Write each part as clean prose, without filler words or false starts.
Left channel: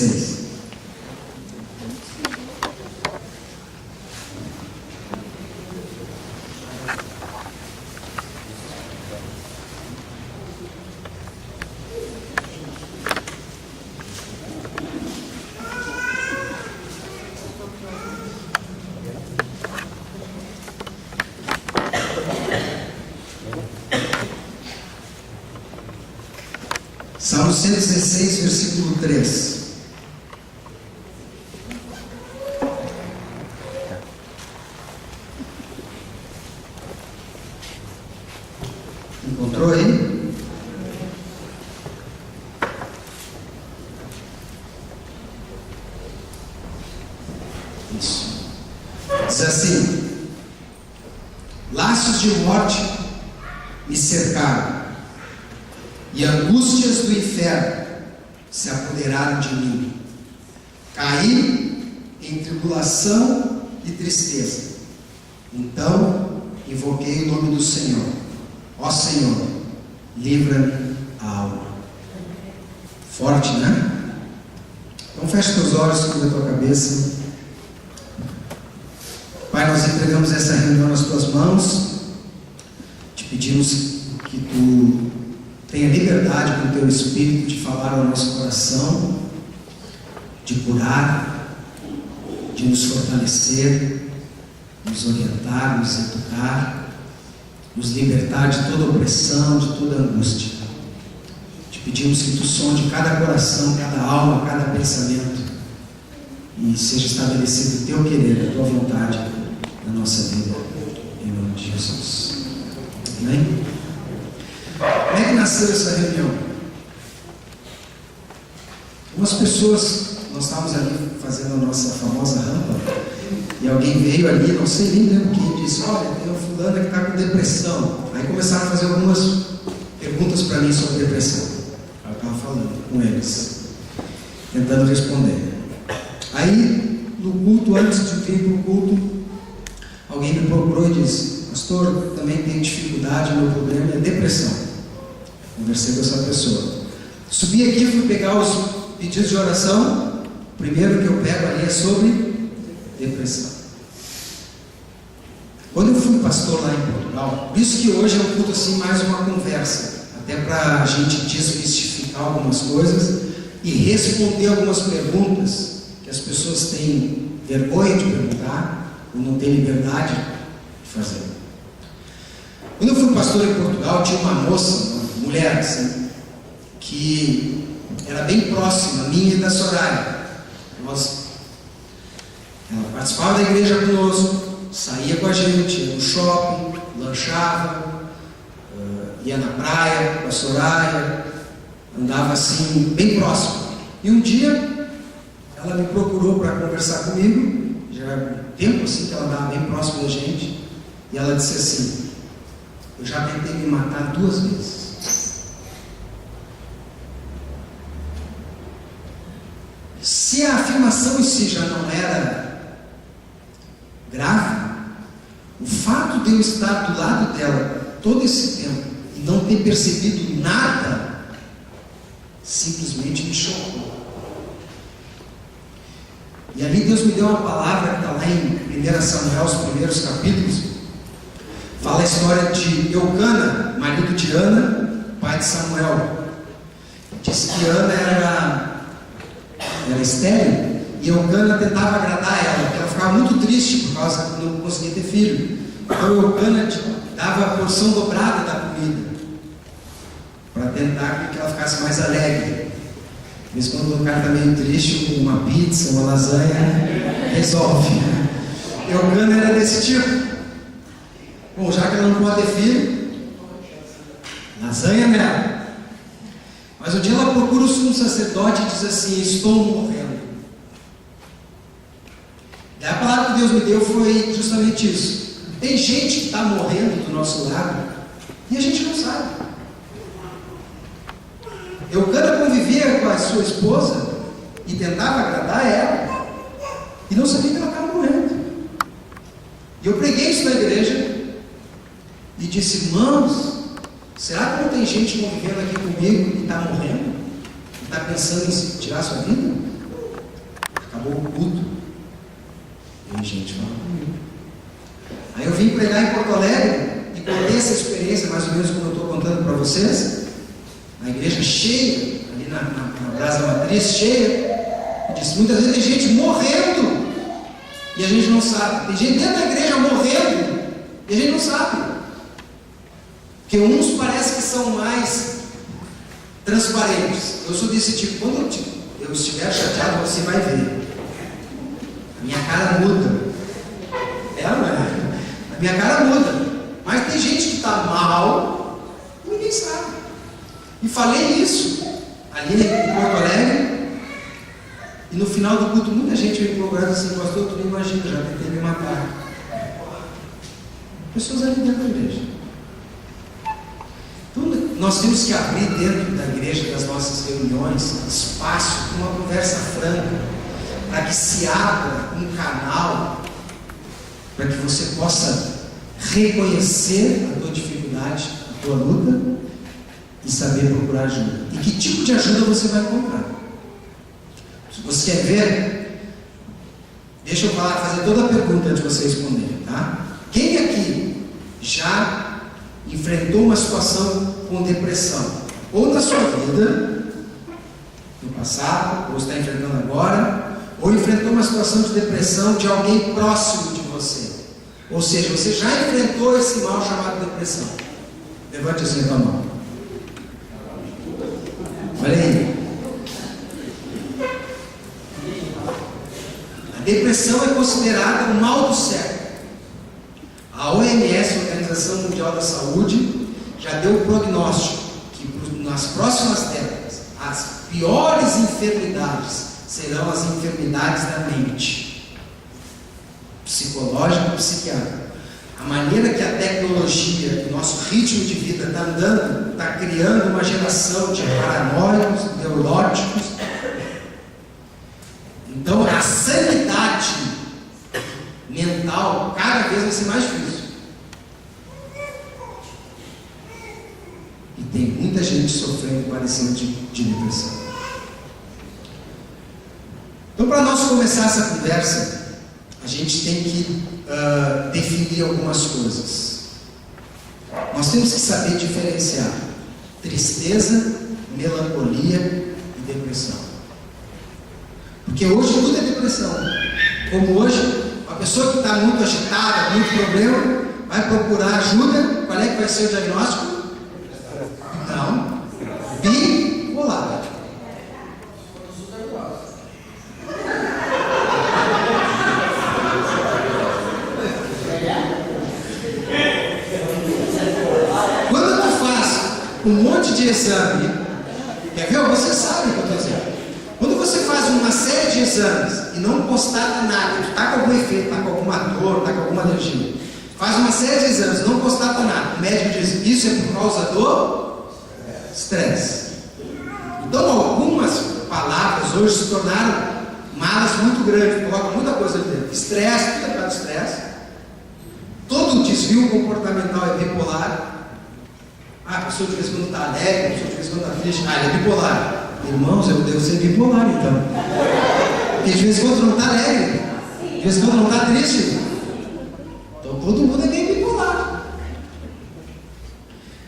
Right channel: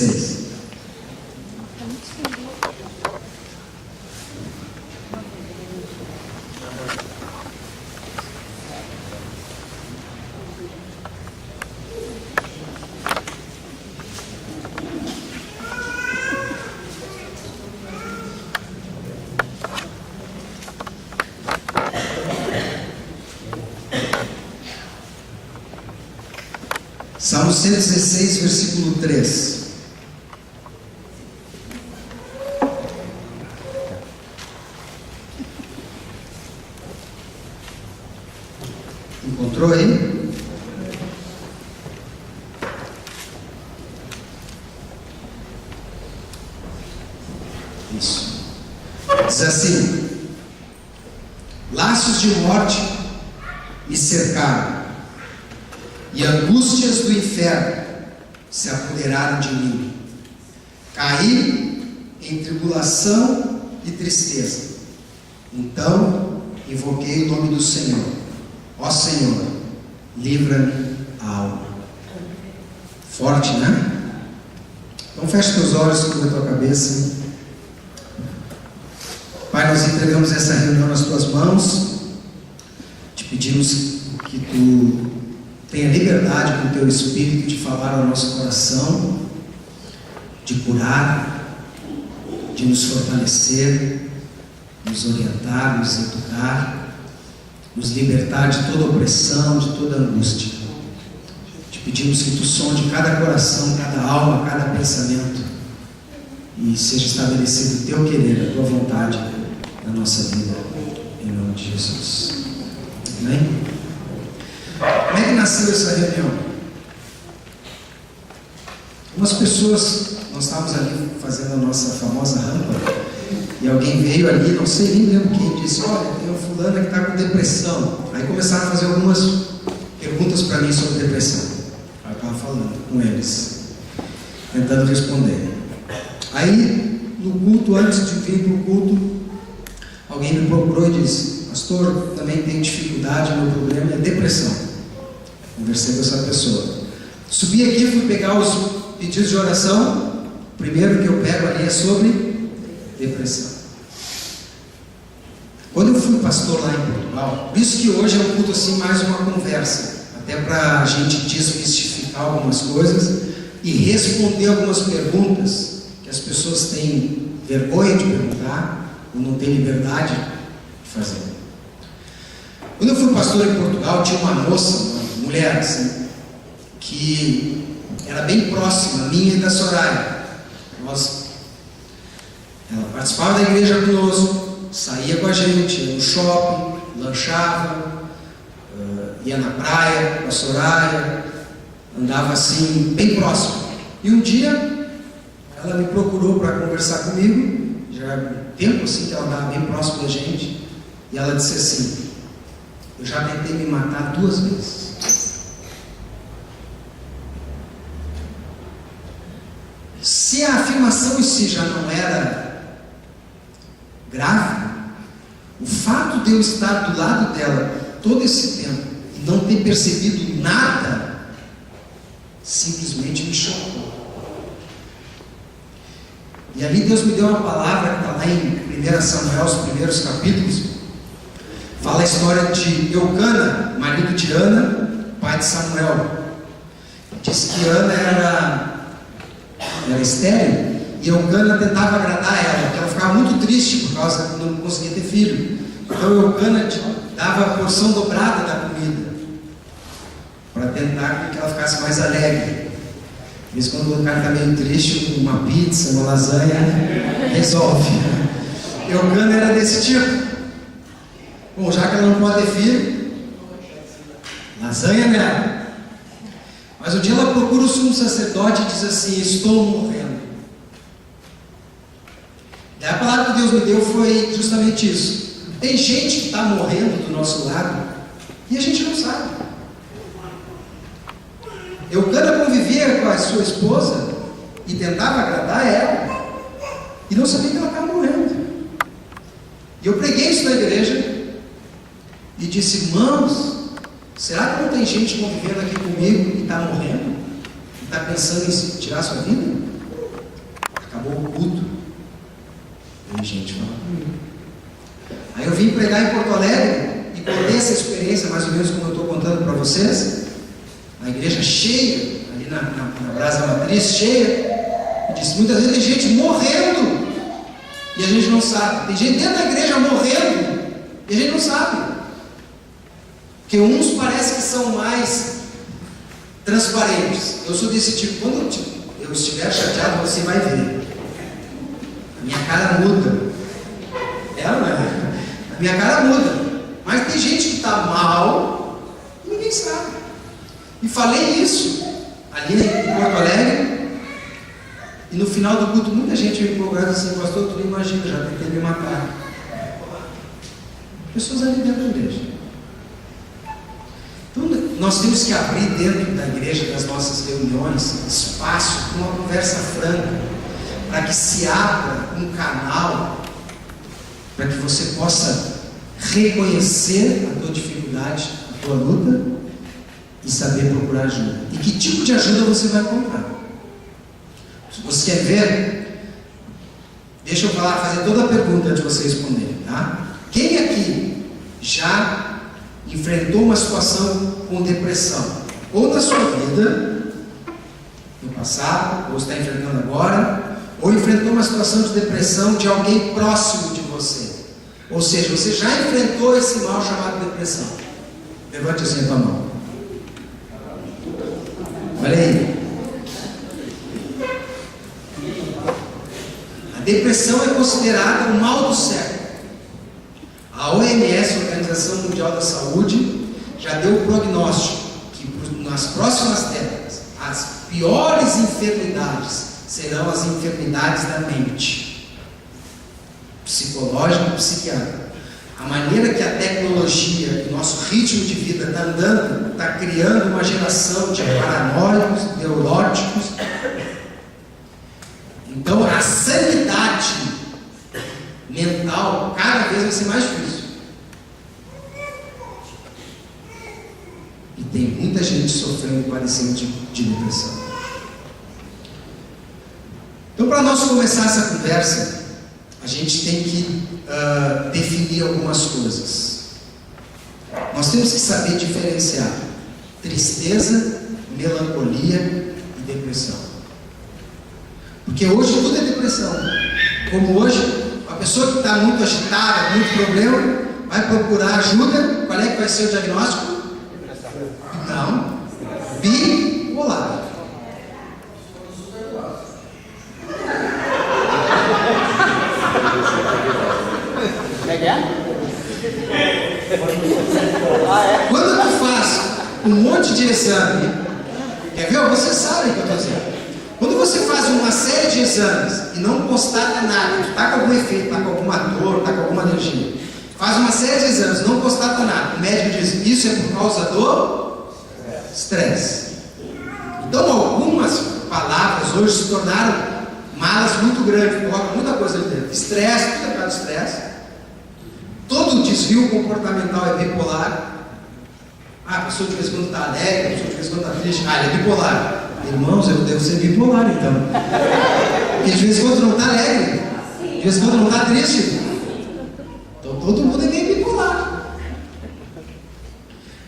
16. Salmo 116, versículo 3. Encontrou aí? Isso. Diz assim: laços de morte me cercaram, e angústias do inferno se apoderaram de mim. Caí em tribulação e tristeza. Então invoquei o nome do Senhor. Ó Senhor, livra-me a alma. Forte, né? Então fecha teus olhos, cubra a tua cabeça. Pai, nós entregamos essa reunião nas tuas mãos. Te pedimos que tu tenha liberdade com o teu Espírito de falar ao nosso coração, de curar, de nos fortalecer, nos orientar, nos educar, nos libertar de toda opressão, de toda angústia. Te pedimos que tu sonde cada coração, cada alma, cada pensamento, e seja estabelecido o teu querer, a tua vontade na nossa vida, em nome de Jesus. Amém? Como é que nasceu essa reunião? Algumas pessoas, nós estávamos ali fazendo a nossa famosa rampa, e alguém veio ali, não sei nem lembro quem, disse: olha, tem uma fulana que está com depressão. Aí começaram a fazer algumas perguntas para mim sobre depressão. Aí eu estava falando com eles, tentando responder. Aí, no culto, antes de vir para o culto, alguém me procurou e disse: pastor, também tenho dificuldade, meu problema é depressão. Conversei com essa pessoa. Subi aqui, fui pegar os pedidos de oração. O primeiro que eu pego ali é sobre depressão. Quando eu fui pastor lá em Portugal, por isso que hoje é um culto assim, mais uma conversa, até para a gente desmistificar algumas coisas e responder algumas perguntas que as pessoas têm vergonha de perguntar ou não têm liberdade de fazer. Quando eu fui pastor em Portugal, tinha uma moça, mulher assim, que era bem próxima minha e da Soraya. Ela participava da igreja conosco, saía com a gente, ia no shopping, lanchava, ia na praia com a Soraya, andava assim, bem próximo. E um dia ela me procurou para conversar comigo, já há um tempo assim que ela andava bem próximo da gente, e ela disse assim: eu já tentei me matar 2 vezes. Se a afirmação em si já não era grave, o fato de eu estar do lado dela todo esse tempo e não ter percebido nada, simplesmente me chocou. E ali Deus me deu uma palavra que está lá em 1 Samuel, os primeiros capítulos. Fala a história de Eucana, marido de Ana, pai de Samuel. Diz que Ana era estéril, e Eucana tentava agradar ela, porque ela ficava muito triste por causa que não conseguia ter filho. Então Eucana dava a porção dobrada da comida, para tentar que ela ficasse mais alegre. Às vezes, quando o cara está meio triste, uma pizza, uma lasanha resolve. Eucana era desse tipo. Bom, já que ela não pode ter filho, lasanha nela. Mas um dia ela procura o sumo sacerdote e diz assim: estou morrendo. E a palavra que Deus me deu foi justamente isso. Tem gente que está morrendo do nosso lado e a gente não sabe. Eucana convivia com a sua esposa e tentava agradar ela e não sabia que ela estava morrendo. E eu preguei isso na igreja e disse: irmãos, será que não tem gente convivendo aqui comigo e está morrendo? E está pensando em tirar sua vida? Acabou o culto. E gente fala comigo. Aí eu vim pregar em Porto Alegre e contei essa experiência, mais ou menos como eu estou contando para vocês. A igreja cheia, ali na Brasa Matriz, cheia. E disse, muitas vezes tem gente morrendo e a gente não sabe. Tem gente dentro da igreja morrendo e a gente não sabe. Porque uns parecem que são mais transparentes. Eu sou desse tipo. Quando eu estiver chateado, você vai ver. A minha cara muda. Ela não é. A minha cara muda. Mas tem gente que está mal e ninguém sabe. E falei isso ali em Porto Alegre. E no final do culto, muita gente me procurou assim, pastor, tu nem imagina, já tentei me matar. Pessoas ali dentro da igreja. Então, nós temos que abrir dentro da igreja, das nossas reuniões, espaço para uma conversa franca, para que se abra um canal, para que você possa reconhecer a tua dificuldade, a tua luta, e saber procurar ajuda. E que tipo de ajuda você vai encontrar? Se você quer ver, deixa eu fazer toda a pergunta antes de você responder, tá? Quem aqui já enfrentou uma situação com depressão? Ou na sua vida, no passado, ou está enfrentando agora, ou enfrentou uma situação de depressão de alguém próximo de você? Ou seja, você já enfrentou esse mal chamado depressão? Levante assim a tua mão. Olha aí. A depressão é considerada o mal do século. A OMS, Organização Mundial da Saúde, já deu o prognóstico que nas próximas décadas as piores enfermidades serão as enfermidades da mente, psicológica e psiquiátrica. A maneira que a tecnologia e nosso ritmo de vida está andando, está criando uma geração de paranoicos, neuróticos. Então a sanidade mental cada vez vai ser mais difícil. E tem muita gente sofrendo e padecendo de depressão. Então, para nós começar essa conversa, a gente tem que definir algumas coisas. Nós temos que saber diferenciar tristeza, melancolia e depressão. Porque hoje tudo é depressão. Como hoje, a pessoa que está muito agitada, muito problema, vai procurar ajuda. Qual é que vai ser o diagnóstico? Não. Bipolar. Quando tu faz um monte de exame, quer ver? Você sabe o que eu estou dizendo. Quando você faz uma série de exames e não constata nada, tu está com algum efeito, está com alguma dor, está com alguma alergia, faz uma série de exames, não constata nada, o médico diz, isso é por causa do estresse. Então algumas palavras hoje se tornaram malas muito grandes, colocam muita coisa ali dentro. Estresse, tudo é por causa do estresse. Todo desvio comportamental é bipolar. A pessoa de vez em quando está alegre, a pessoa de vez em quando está triste, ele é bipolar. Irmãos, eu devo ser bipolar então. Porque de vez em quando não está alegre, de vez em quando não está triste. Então todo mundo é meio bipolar.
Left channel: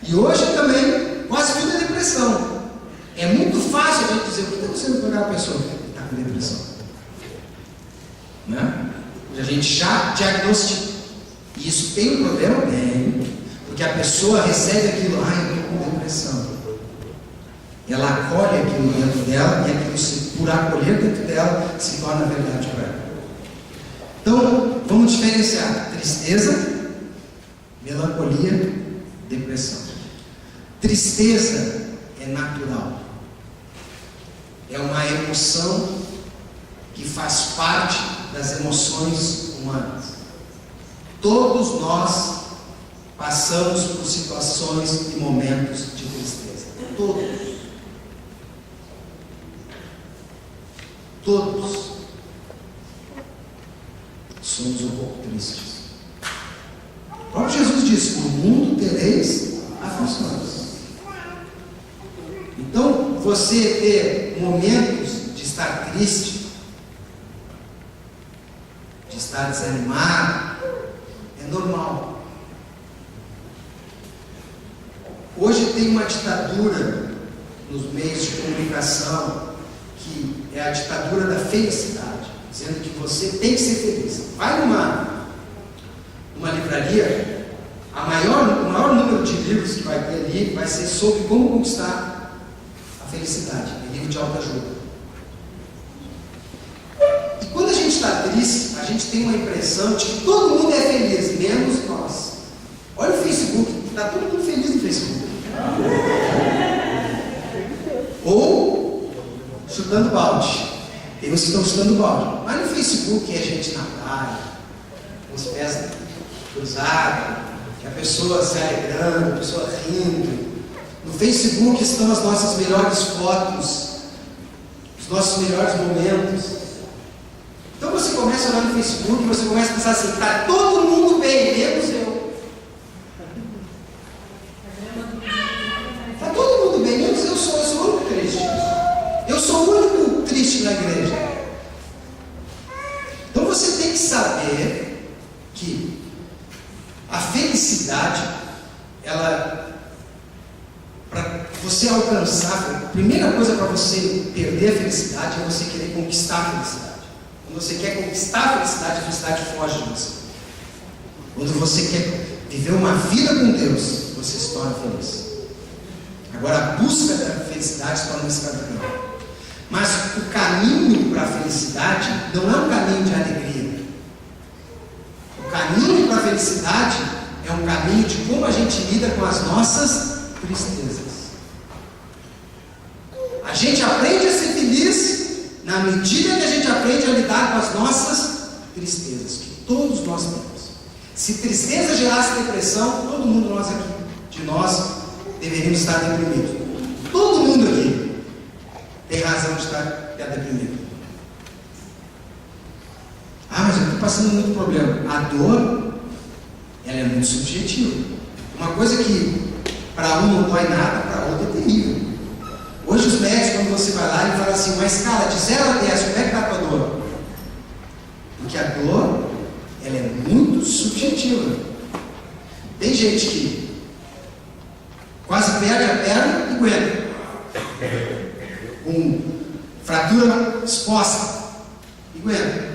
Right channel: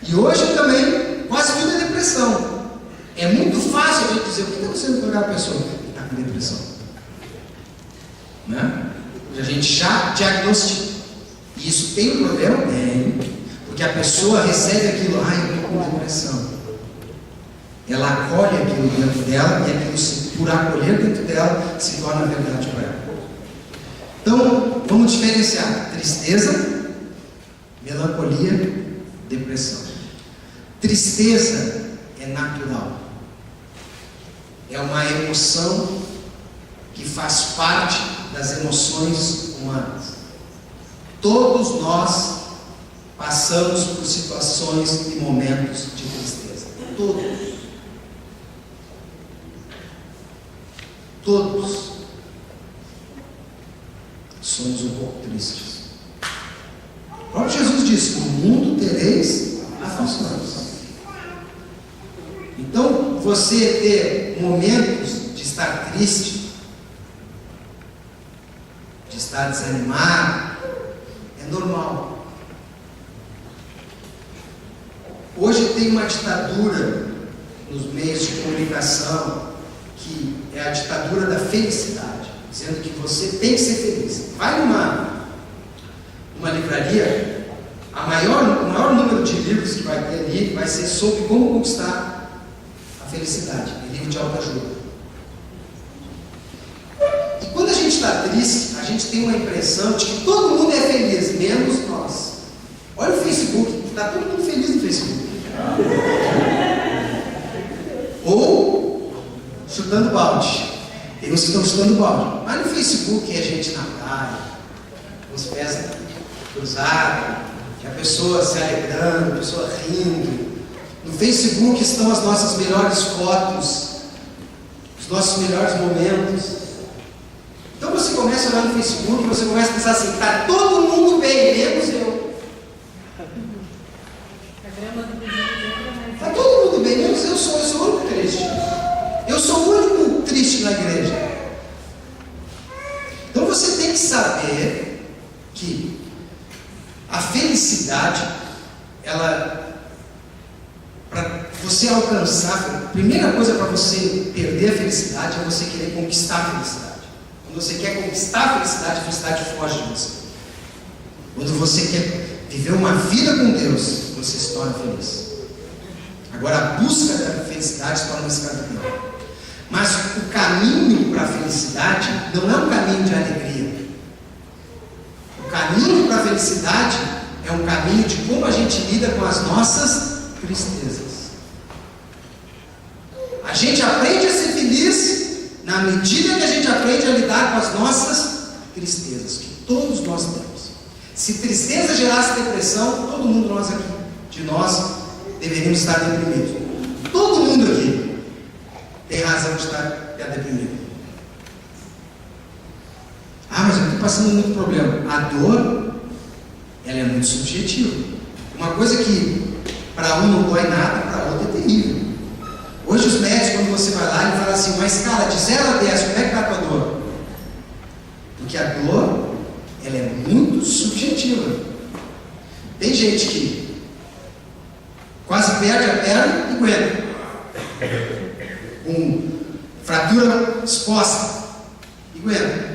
E hoje também, quase tudo é depressão. É muito fácil a gente dizer, o que está acontecendo com aquela pessoa? Ele está com depressão. Né? A gente já diagnostica. E isso tem um problema? Tem. Porque a pessoa recebe aquilo, eu estou com depressão. Ela acolhe aquilo dentro dela e aquilo, por acolher dentro dela, se torna verdade para ela. Então, vamos diferenciar tristeza, melancolia, depressão. Tristeza é natural. É uma emoção que faz parte das emoções humanas. Todos nós passamos por situações e momentos de tristeza. Todos somos um pouco tristes. O próprio Jesus disse: no mundo tereis aflições. Então, você ter momentos de estar triste está desanimado, é normal. Hoje tem uma ditadura nos meios de comunicação, que é a ditadura da felicidade, dizendo que você tem que ser feliz. Vai numa livraria, o maior número de livros que vai ter ali vai ser sobre como conquistar a felicidade, é livro de autoajuda. E quando a gente está triste, a gente tem uma impressão de que todo mundo é feliz, menos nós. Olha o Facebook, está todo mundo feliz no Facebook. Ou chutando balde. Tem uns que estão chutando balde. Mas no Facebook é gente na praia, com os pés cruzados, que a pessoa se alegrando, a pessoa rindo. No Facebook estão as nossas melhores fotos, os nossos melhores momentos. Então você começa a olhar no Facebook e você começa a pensar assim: está todo mundo bem, menos eu. Está todo mundo bem, menos eu sou o único triste. Eu sou o único triste na igreja. Então você tem que saber que a felicidade, para você alcançar, a primeira coisa para você perder a felicidade é você querer conquistar a felicidade. Quando você quer conquistar a felicidade foge de você. Quando você quer viver uma vida com Deus, você se torna feliz. Agora, a busca da felicidade se torna uma escravidão. Mas o caminho para a felicidade não é um caminho de alegria. O caminho para a felicidade é um caminho de como a gente lida com as nossas tristezas. A gente aprende a ser feliz na medida que a gente aprende a lidar com as nossas tristezas, que todos nós temos. Se tristeza gerasse depressão, todo mundo de nós deveríamos estar deprimidos. Todo mundo aqui tem razão de estar deprimido. Mas eu estou passando muito problema. A dor, ela é muito subjetiva. Uma coisa que para um não dói nada, para outro é terrível. Hoje os médicos, quando você vai lá, ele fala assim: uma escala de 0 a 10, como é que está a tua dor? Porque a dor, ela é muito subjetiva. Tem gente que quase perde a perna e aguenta, com fratura exposta, e aguenta.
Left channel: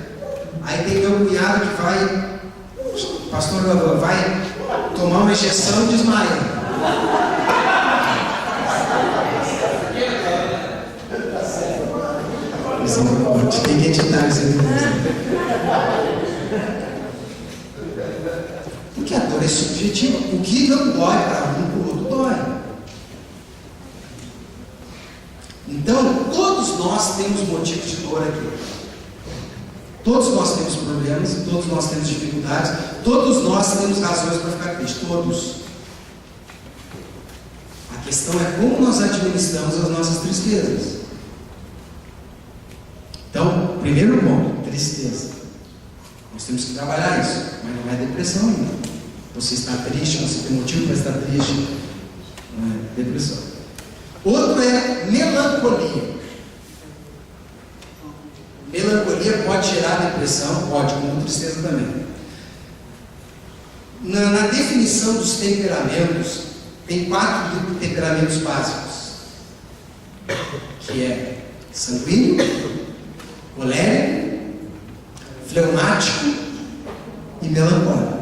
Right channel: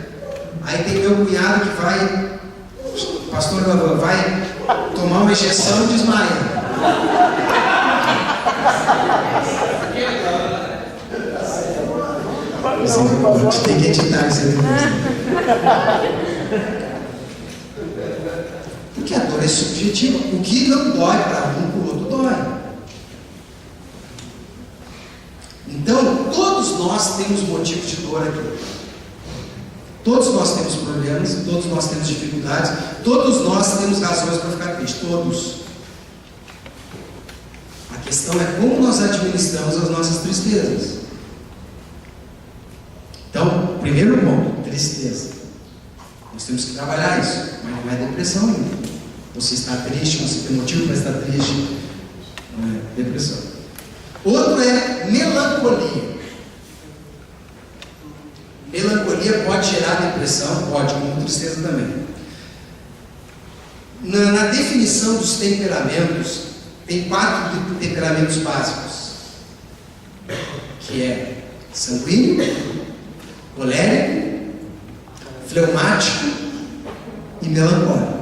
Aí tem meu cunhado que vai, pastor, vai tomar uma injeção e desmaia. Tem que editar isso aí. Porque a dor é subjetiva. O que não dói para um, para o outro dói. Então, todos nós temos motivos de dor aqui. Todos nós temos problemas, todos nós temos dificuldades, todos nós temos razões para ficar tristes. Todos. A questão é como nós administramos as nossas tristezas. Então, primeiro ponto, tristeza. Nós temos que trabalhar isso, mas não é depressão ainda. Você está triste, você tem motivo para estar triste, não é depressão. Outro é melancolia. Melancolia pode gerar depressão, pode, como tristeza também. Na definição dos temperamentos, tem 4 temperamentos básicos, que é sanguíneo, colérico, fleumático e melancólico.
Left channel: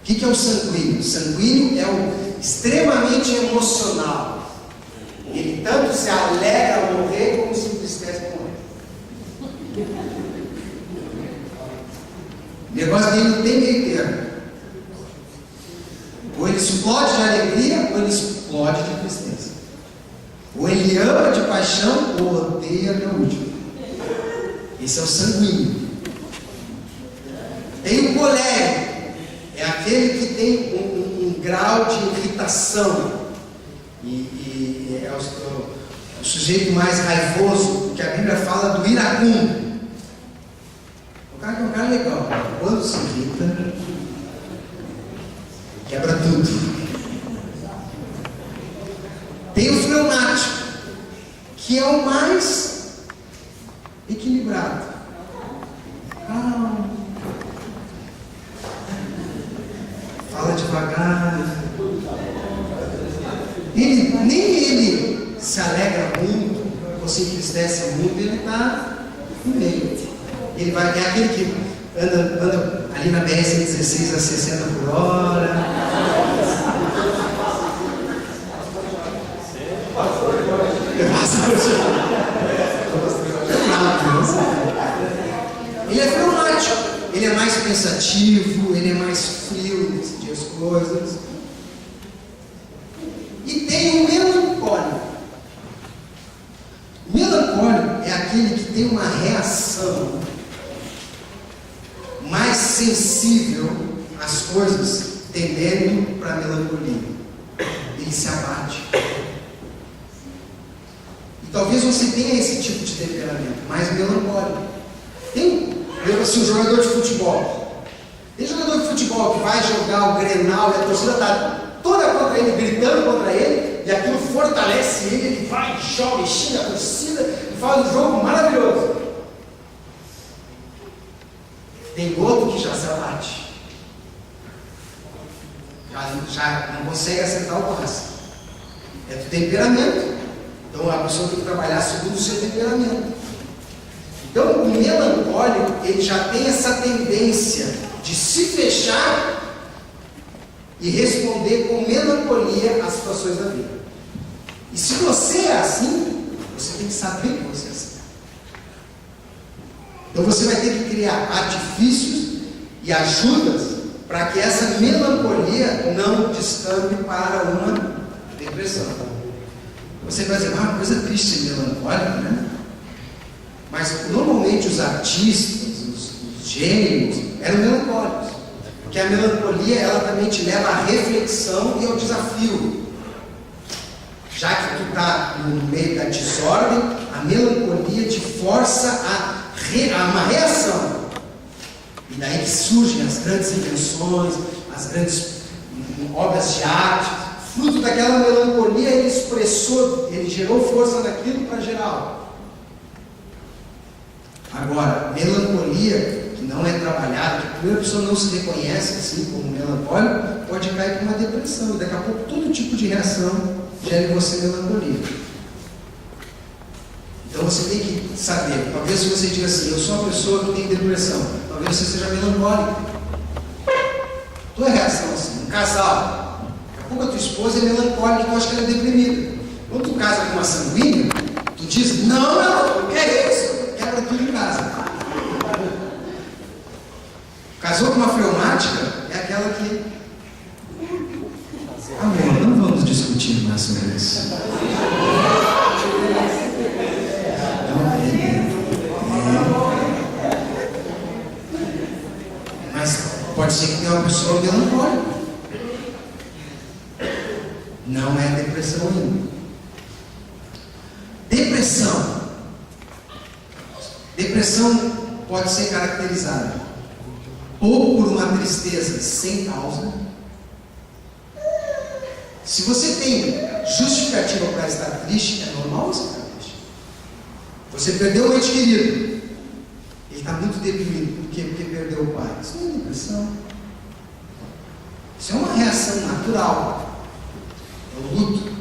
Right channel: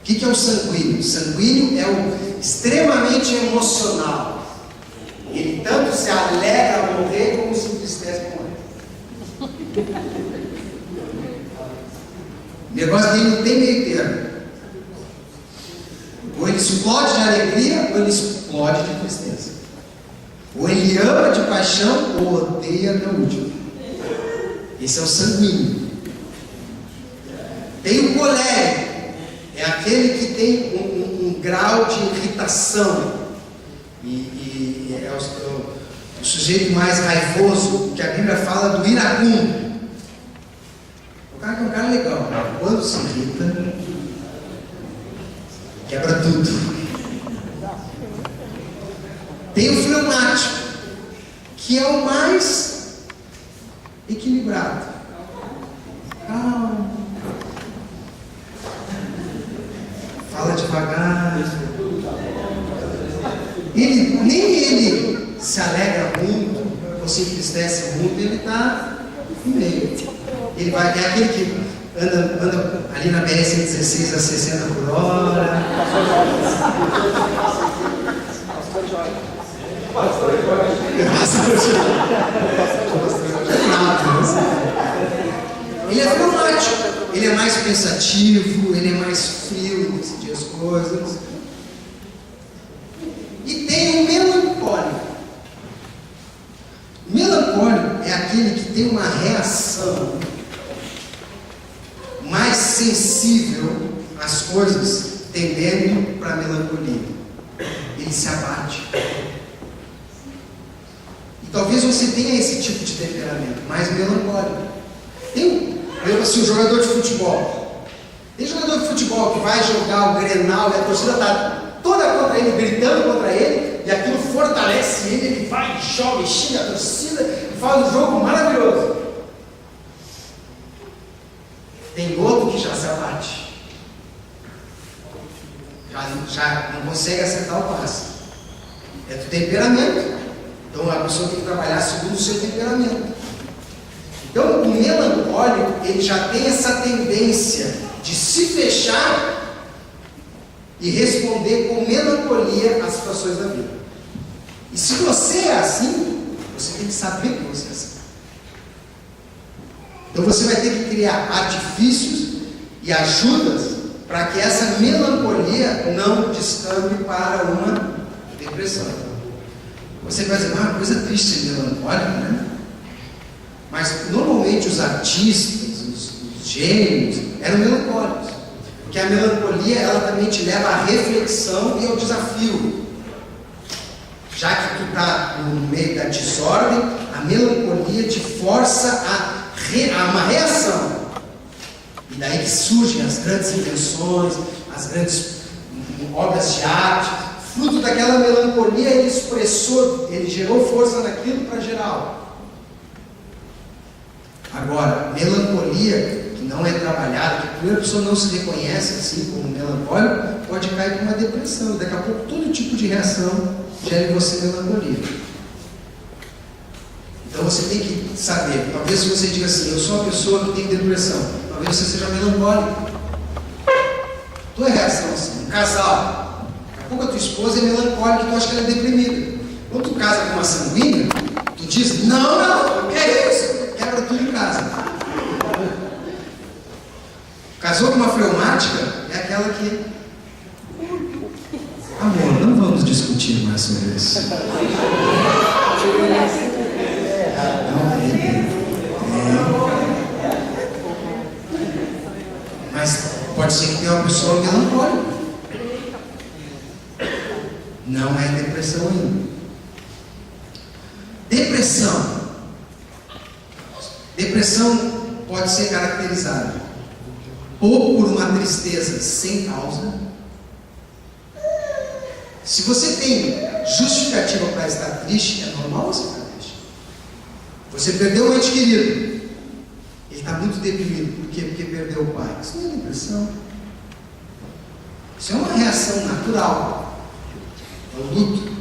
O que é o sanguíneo? O sanguíneo é o extremamente emocional. Ele tanto se alegra ao morrer como se entristece ao morrer. O negócio dele não tem meio termo. Ou ele explode de alegria, ou ele explode de tristeza. Ou ele ama de paixão, ou odeia até o último. Esse é o sanguíneo. Tem o colérico. É aquele que tem um grau de irritação. E é o sujeito mais raivoso, que a Bíblia fala do iracundo. O cara que é um cara legal. Quando se irrita, quebra tudo. Tem o fleumático, que é o mais equilibrado. Calma. devagar. Nem ele se alegra muito, ou se entristece muito, ele está no meio. Ele vai, é aquele que anda ali na BR-116 a 60 por hora. Ele é fleumático, ele é mais pensativo, ele é mais frio em decidir as coisas. E tem o melancólico. O melancólico é aquele que tem uma reação mais sensível às coisas, tendendo para a melancolia. Ele se abate. E talvez você tenha esse tipo de temperamento, mais melancólico. Tem, assim, um jogador de futebol. Tem jogador de futebol que vai jogar o Grenal e a torcida está toda contra ele, gritando contra ele, e aquilo fortalece ele, ele vai, joga, xinga a torcida e faz um jogo maravilhoso. Tem outro que já se abate, já não consegue acertar o passe. É do temperamento. Então a pessoa tem que trabalhar segundo o seu temperamento. Então o melancólico, ele já tem essa tendência de se fechar e responder com melancolia às situações da vida. E se você é assim, você tem que saber que você é assim. Então você vai ter que criar artifícios e ajudas para que essa melancolia não descambe para uma depressão. Você vai dizer, uma coisa triste ser melancólica, né? Mas normalmente os artistas, os gênios, eram melancólicos. Porque a melancolia, ela também te leva à reflexão e ao desafio. Já que tu está no meio da desordem, a melancolia te força a uma reação. E daí que surgem as grandes invenções, as grandes obras de arte. Fruto daquela melancolia, ele expressou, ele gerou força naquilo para gerar algo. Agora, melancolia que não é trabalhada, que a primeira pessoa não se reconhece assim como melancólico, pode cair para uma depressão. E daqui a pouco todo tipo de reação gera em você melancolia. Então você tem que saber, talvez você diga assim, eu sou uma pessoa que tem depressão, talvez você seja melancólico. Tua reação assim, um casal, daqui a pouco a tua esposa é melancólica e tu acha que ela é deprimida. Quando tu casa com uma sanguínea, tu diz, não, que é isso? Quebra tudo em casa. Casou com uma fleumática, é aquela que... Amor, não vamos discutir mais sobre isso. Mas pode ser que tenha uma pessoa melancólica. Não é depressão ainda. Depressão pode ser caracterizada ou por uma tristeza sem causa. Se você tem justificativa para estar triste, é normal você estar triste. Você perdeu um ente querido, ele está muito deprimido. Por quê? Porque perdeu o pai. Isso não é depressão. Isso é uma reação natural. É o luto.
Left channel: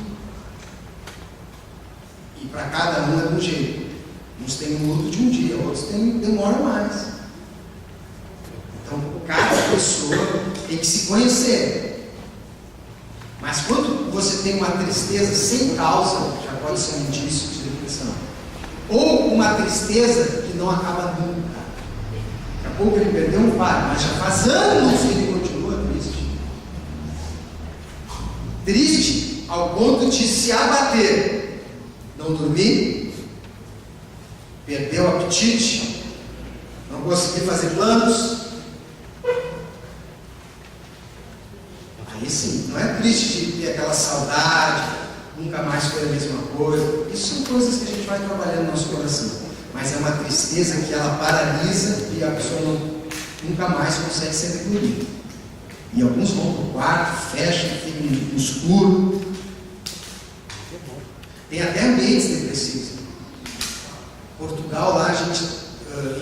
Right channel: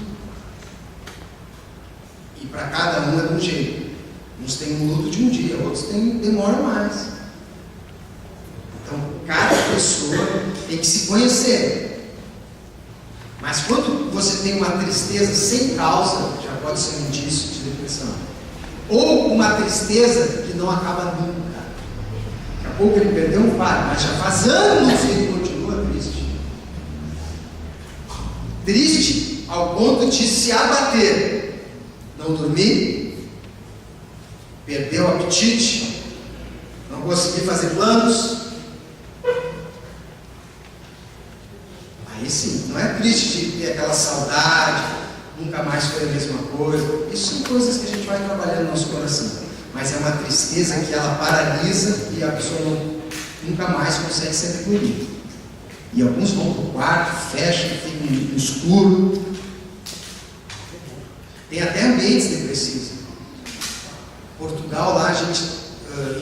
E para cada um é de um jeito. Uns têm um luto de um dia, outros demoram mais. Então, cada pessoa tem que se conhecer. Mas quando você tem uma tristeza sem causa, já pode ser um indício de depressão. Ou uma tristeza que não acaba nunca. Daqui a pouco ele perdeu um pai, mas já faz anos que ele continua triste. Triste ao ponto de se abater. Não dormir, perdeu o apetite, não conseguir fazer planos. Aí sim, não é triste de ter aquela saudade, nunca mais foi a mesma coisa. Isso são coisas que a gente vai trabalhando no nosso coração. Mas é uma tristeza que ela paralisa e a pessoa nunca mais consegue ser recolhida. E alguns vão para o quarto, fecham, ficam no escuro. Tem até ambientes depressivos. Portugal, lá a gente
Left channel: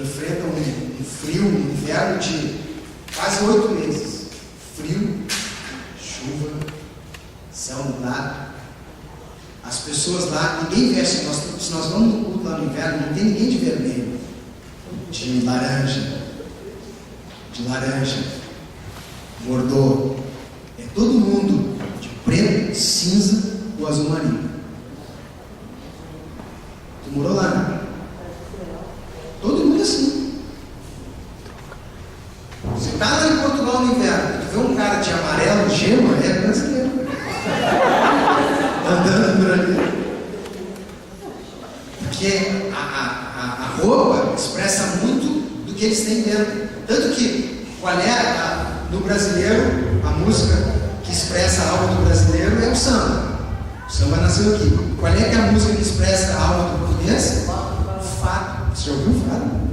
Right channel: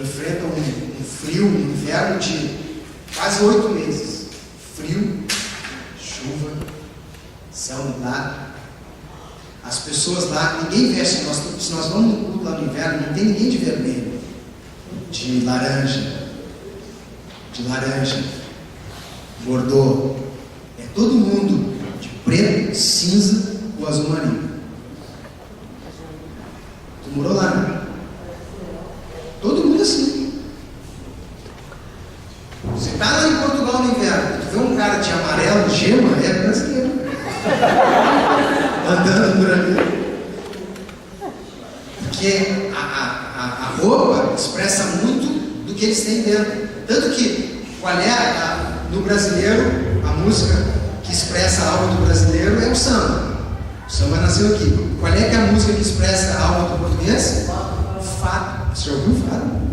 enfrenta um frio, um inverno de quase 8 meses. Frio, tem ninguém de vermelho, de laranja, bordô. É todo mundo de preto, cinza ou azul marinho. Tu morou lá, né? Todo mundo assim. Você está lá em Portugal no inverno, tu vê um cara de amarelo, gema, é brasileiro. Andando por ali. Porque a roupa expressa muito do que eles têm dentro. Tanto que, qual é no brasileiro, a música que expressa a alma do brasileiro é o samba. O samba nasceu aqui. Qual é que é a música que expressa a alma do português? O fado. Você já ouviu o fado?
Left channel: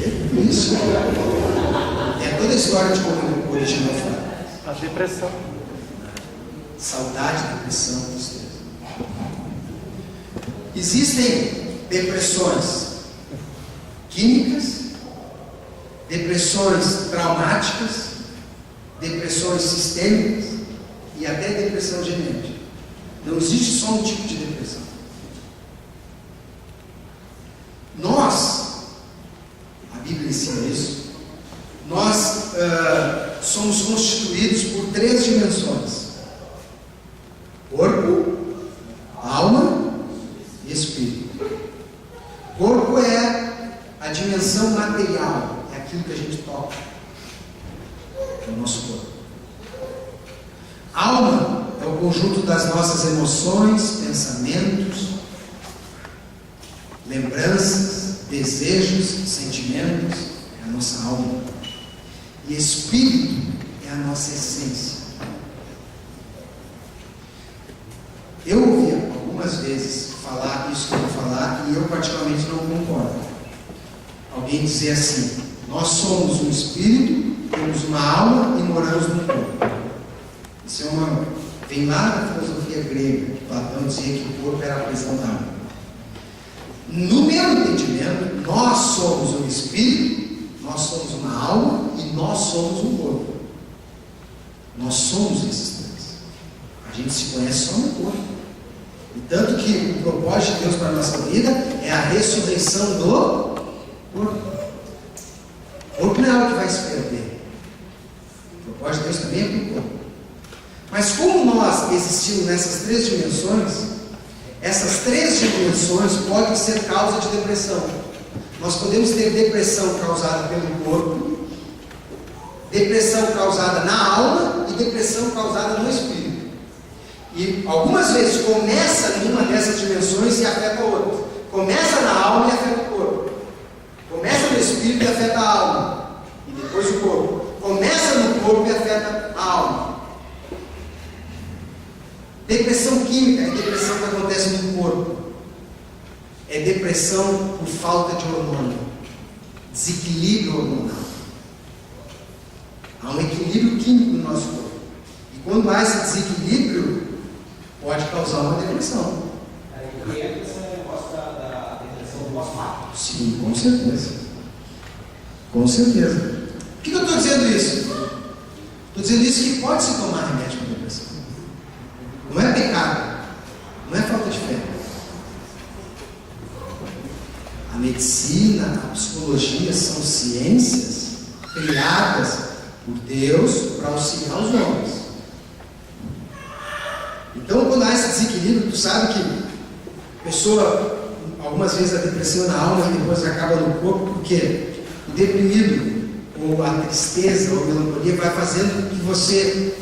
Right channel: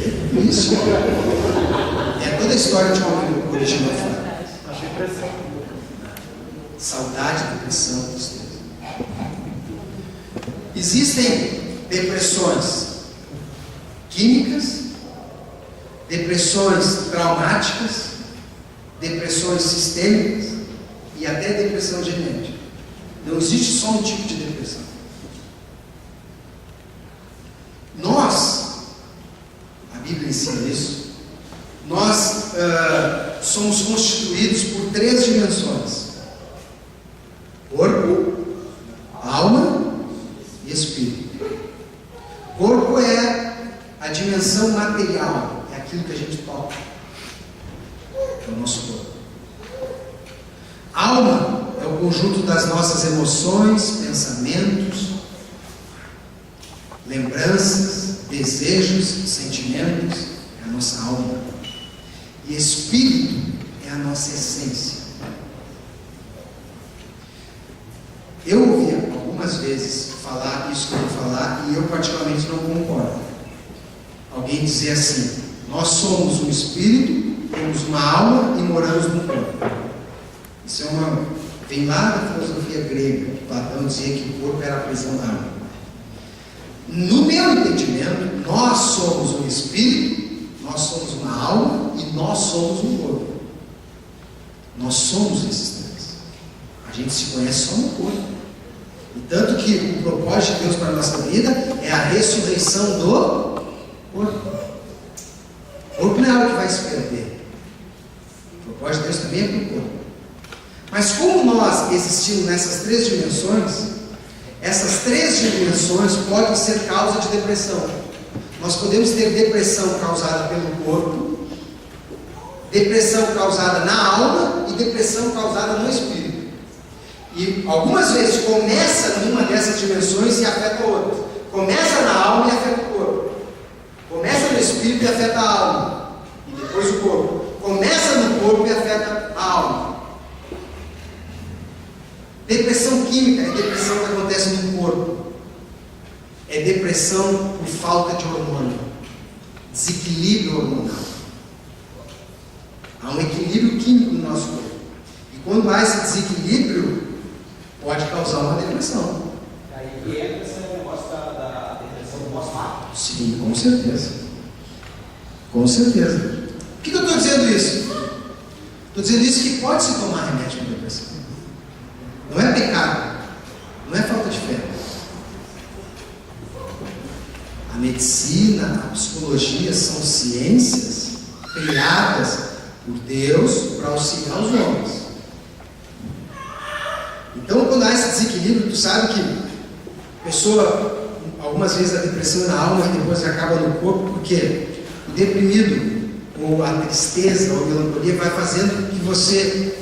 É isso. É toda a história de como originou o fado. A depressão. Saudade, depressão, tristeza. Existem depressões químicas, depressões traumáticas, depressões sistêmicas e até depressão genética. Não existe só um tipo de depressão. Nós, a Bíblia ensina isso, nós somos constituídos por 3 dimensões: corpo, alma e espírito. Corpo é a dimensão material, é aquilo que a gente toca, é o nosso corpo. Alma é o conjunto das nossas emoções, pensamentos, lembranças, desejos, sentimentos, é a nossa alma. E espírito é a nossa essência. Eu ouvi algumas vezes falar isso que eu vou falar e eu particularmente não concordo. Alguém dizer assim: nós somos um espírito, temos uma alma e moramos no corpo. Isso vem lá da filosofia grega, que Platão dizia que o corpo era a prisão da alma. No meu entendimento, nós somos um espírito, nós somos uma alma e nós somos um corpo. Nós somos esses 3. A gente se conhece só no corpo. E tanto que o propósito de Deus para a nossa vida é a ressurreição do corpo. O corpo não é algo que vai se perder. O propósito de Deus também é para o corpo. Mas como nós existimos nessas 3 dimensões, essas 3 dimensões podem ser causa de depressão. Nós podemos ter depressão causada pelo corpo, depressão causada na alma e depressão causada no espírito. E algumas vezes começa numa dessas dimensões e afeta a outra. Começa na alma e afeta o corpo. Começa no espírito e afeta a alma. E depois o corpo. Começa no corpo e afeta a alma. Depressão química é depressão que acontece no corpo. É depressão por falta de hormônio. Desequilíbrio hormonal. Há um equilíbrio químico no nosso corpo. E quando há esse desequilíbrio, pode causar uma depressão. Aí entra esse negócio da depressão pós-parto? Sim, com certeza. Com certeza. Por que eu estou dizendo isso? Estou dizendo isso que pode se tomar remédio para depressão. Não é pecado. Não é falta de fé. A medicina, a psicologia são ciências criadas por Deus para auxiliar os homens. Então, quando há esse desequilíbrio, tu sabe que a pessoa, algumas vezes a depressão é na alma e depois acaba no corpo, porque o deprimido, ou a tristeza, ou a melancolia vai fazendo que você,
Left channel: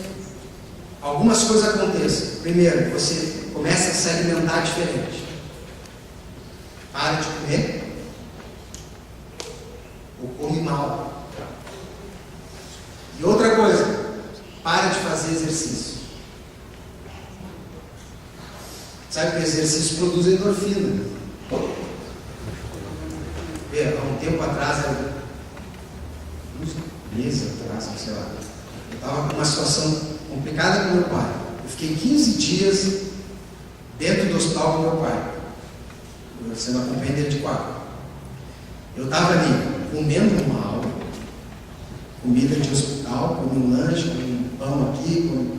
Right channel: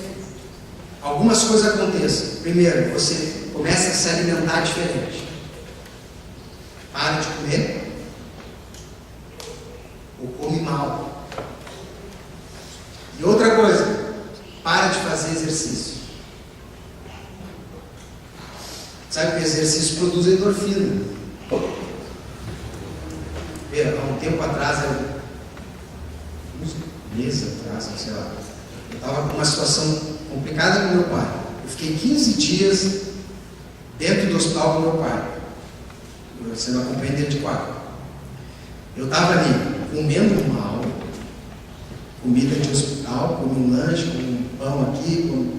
algumas coisas aconteçam. Primeiro, você começa a se alimentar diferente. Para de comer, ou come mal. E outra coisa, para de fazer exercício. Sabe que o exercício produz endorfina. Há um tempo atrás, uns meses atrás, sei lá, eu estava com uma situação complicada com meu pai. Eu fiquei 15 dias dentro do hospital com meu pai, sendo acompanhado dentro de quarto. Eu estava ali comendo mal, comida de hospital, comi um lanche, comi um pão aqui,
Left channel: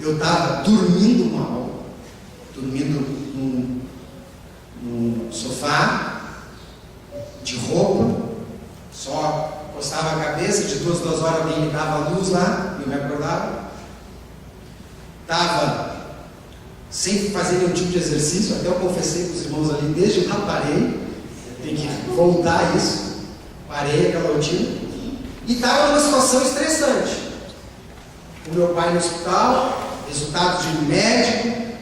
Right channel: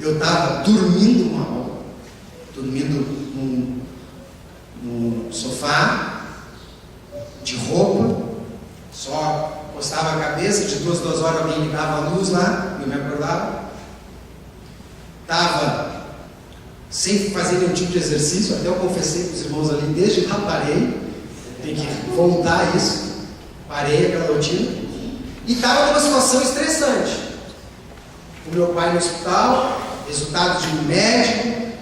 eu estava dormindo mal, dormindo sofá, de roupa, só postava a cabeça, de 2 horas alguém ligava a luz lá, eu me acordava. Estava sem fazer nenhum tipo de exercício, até eu confessei com os irmãos ali, desde lá parei, tem que voltar a isso, parei aquela rotina, e estava numa situação estressante. O meu pai no hospital, resultados de um médico,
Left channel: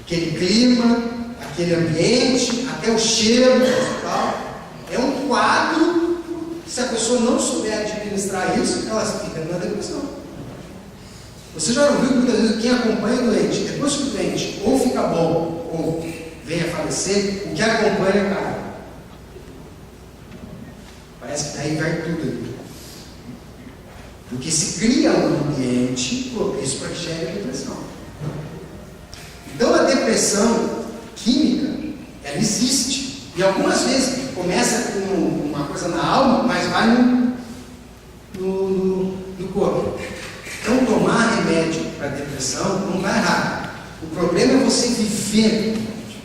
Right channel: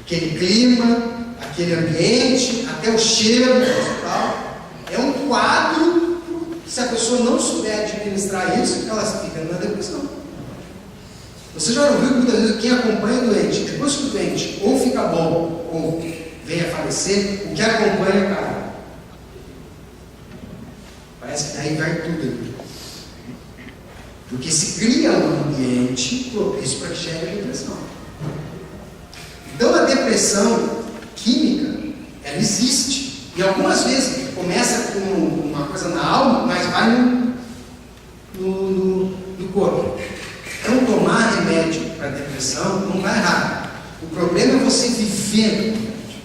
aquele clima, aquele ambiente, até o cheiro do hospital, é um quadro que, se a pessoa não souber administrar isso, ela fica na depressão. Você já ouviu que muitas vezes quem acompanha o doente, depois que o doente ou fica bom ou vem a falecer, o que acompanha cai. Parece que daí vai tudo ali. Porque se cria um ambiente propício para que gere depressão. Então a depressão química, ela existe. E algumas vezes começa com uma coisa na alma, mas vai no corpo. Então tomar remédio para depressão não vai errado. O problema é você viver com o remédio.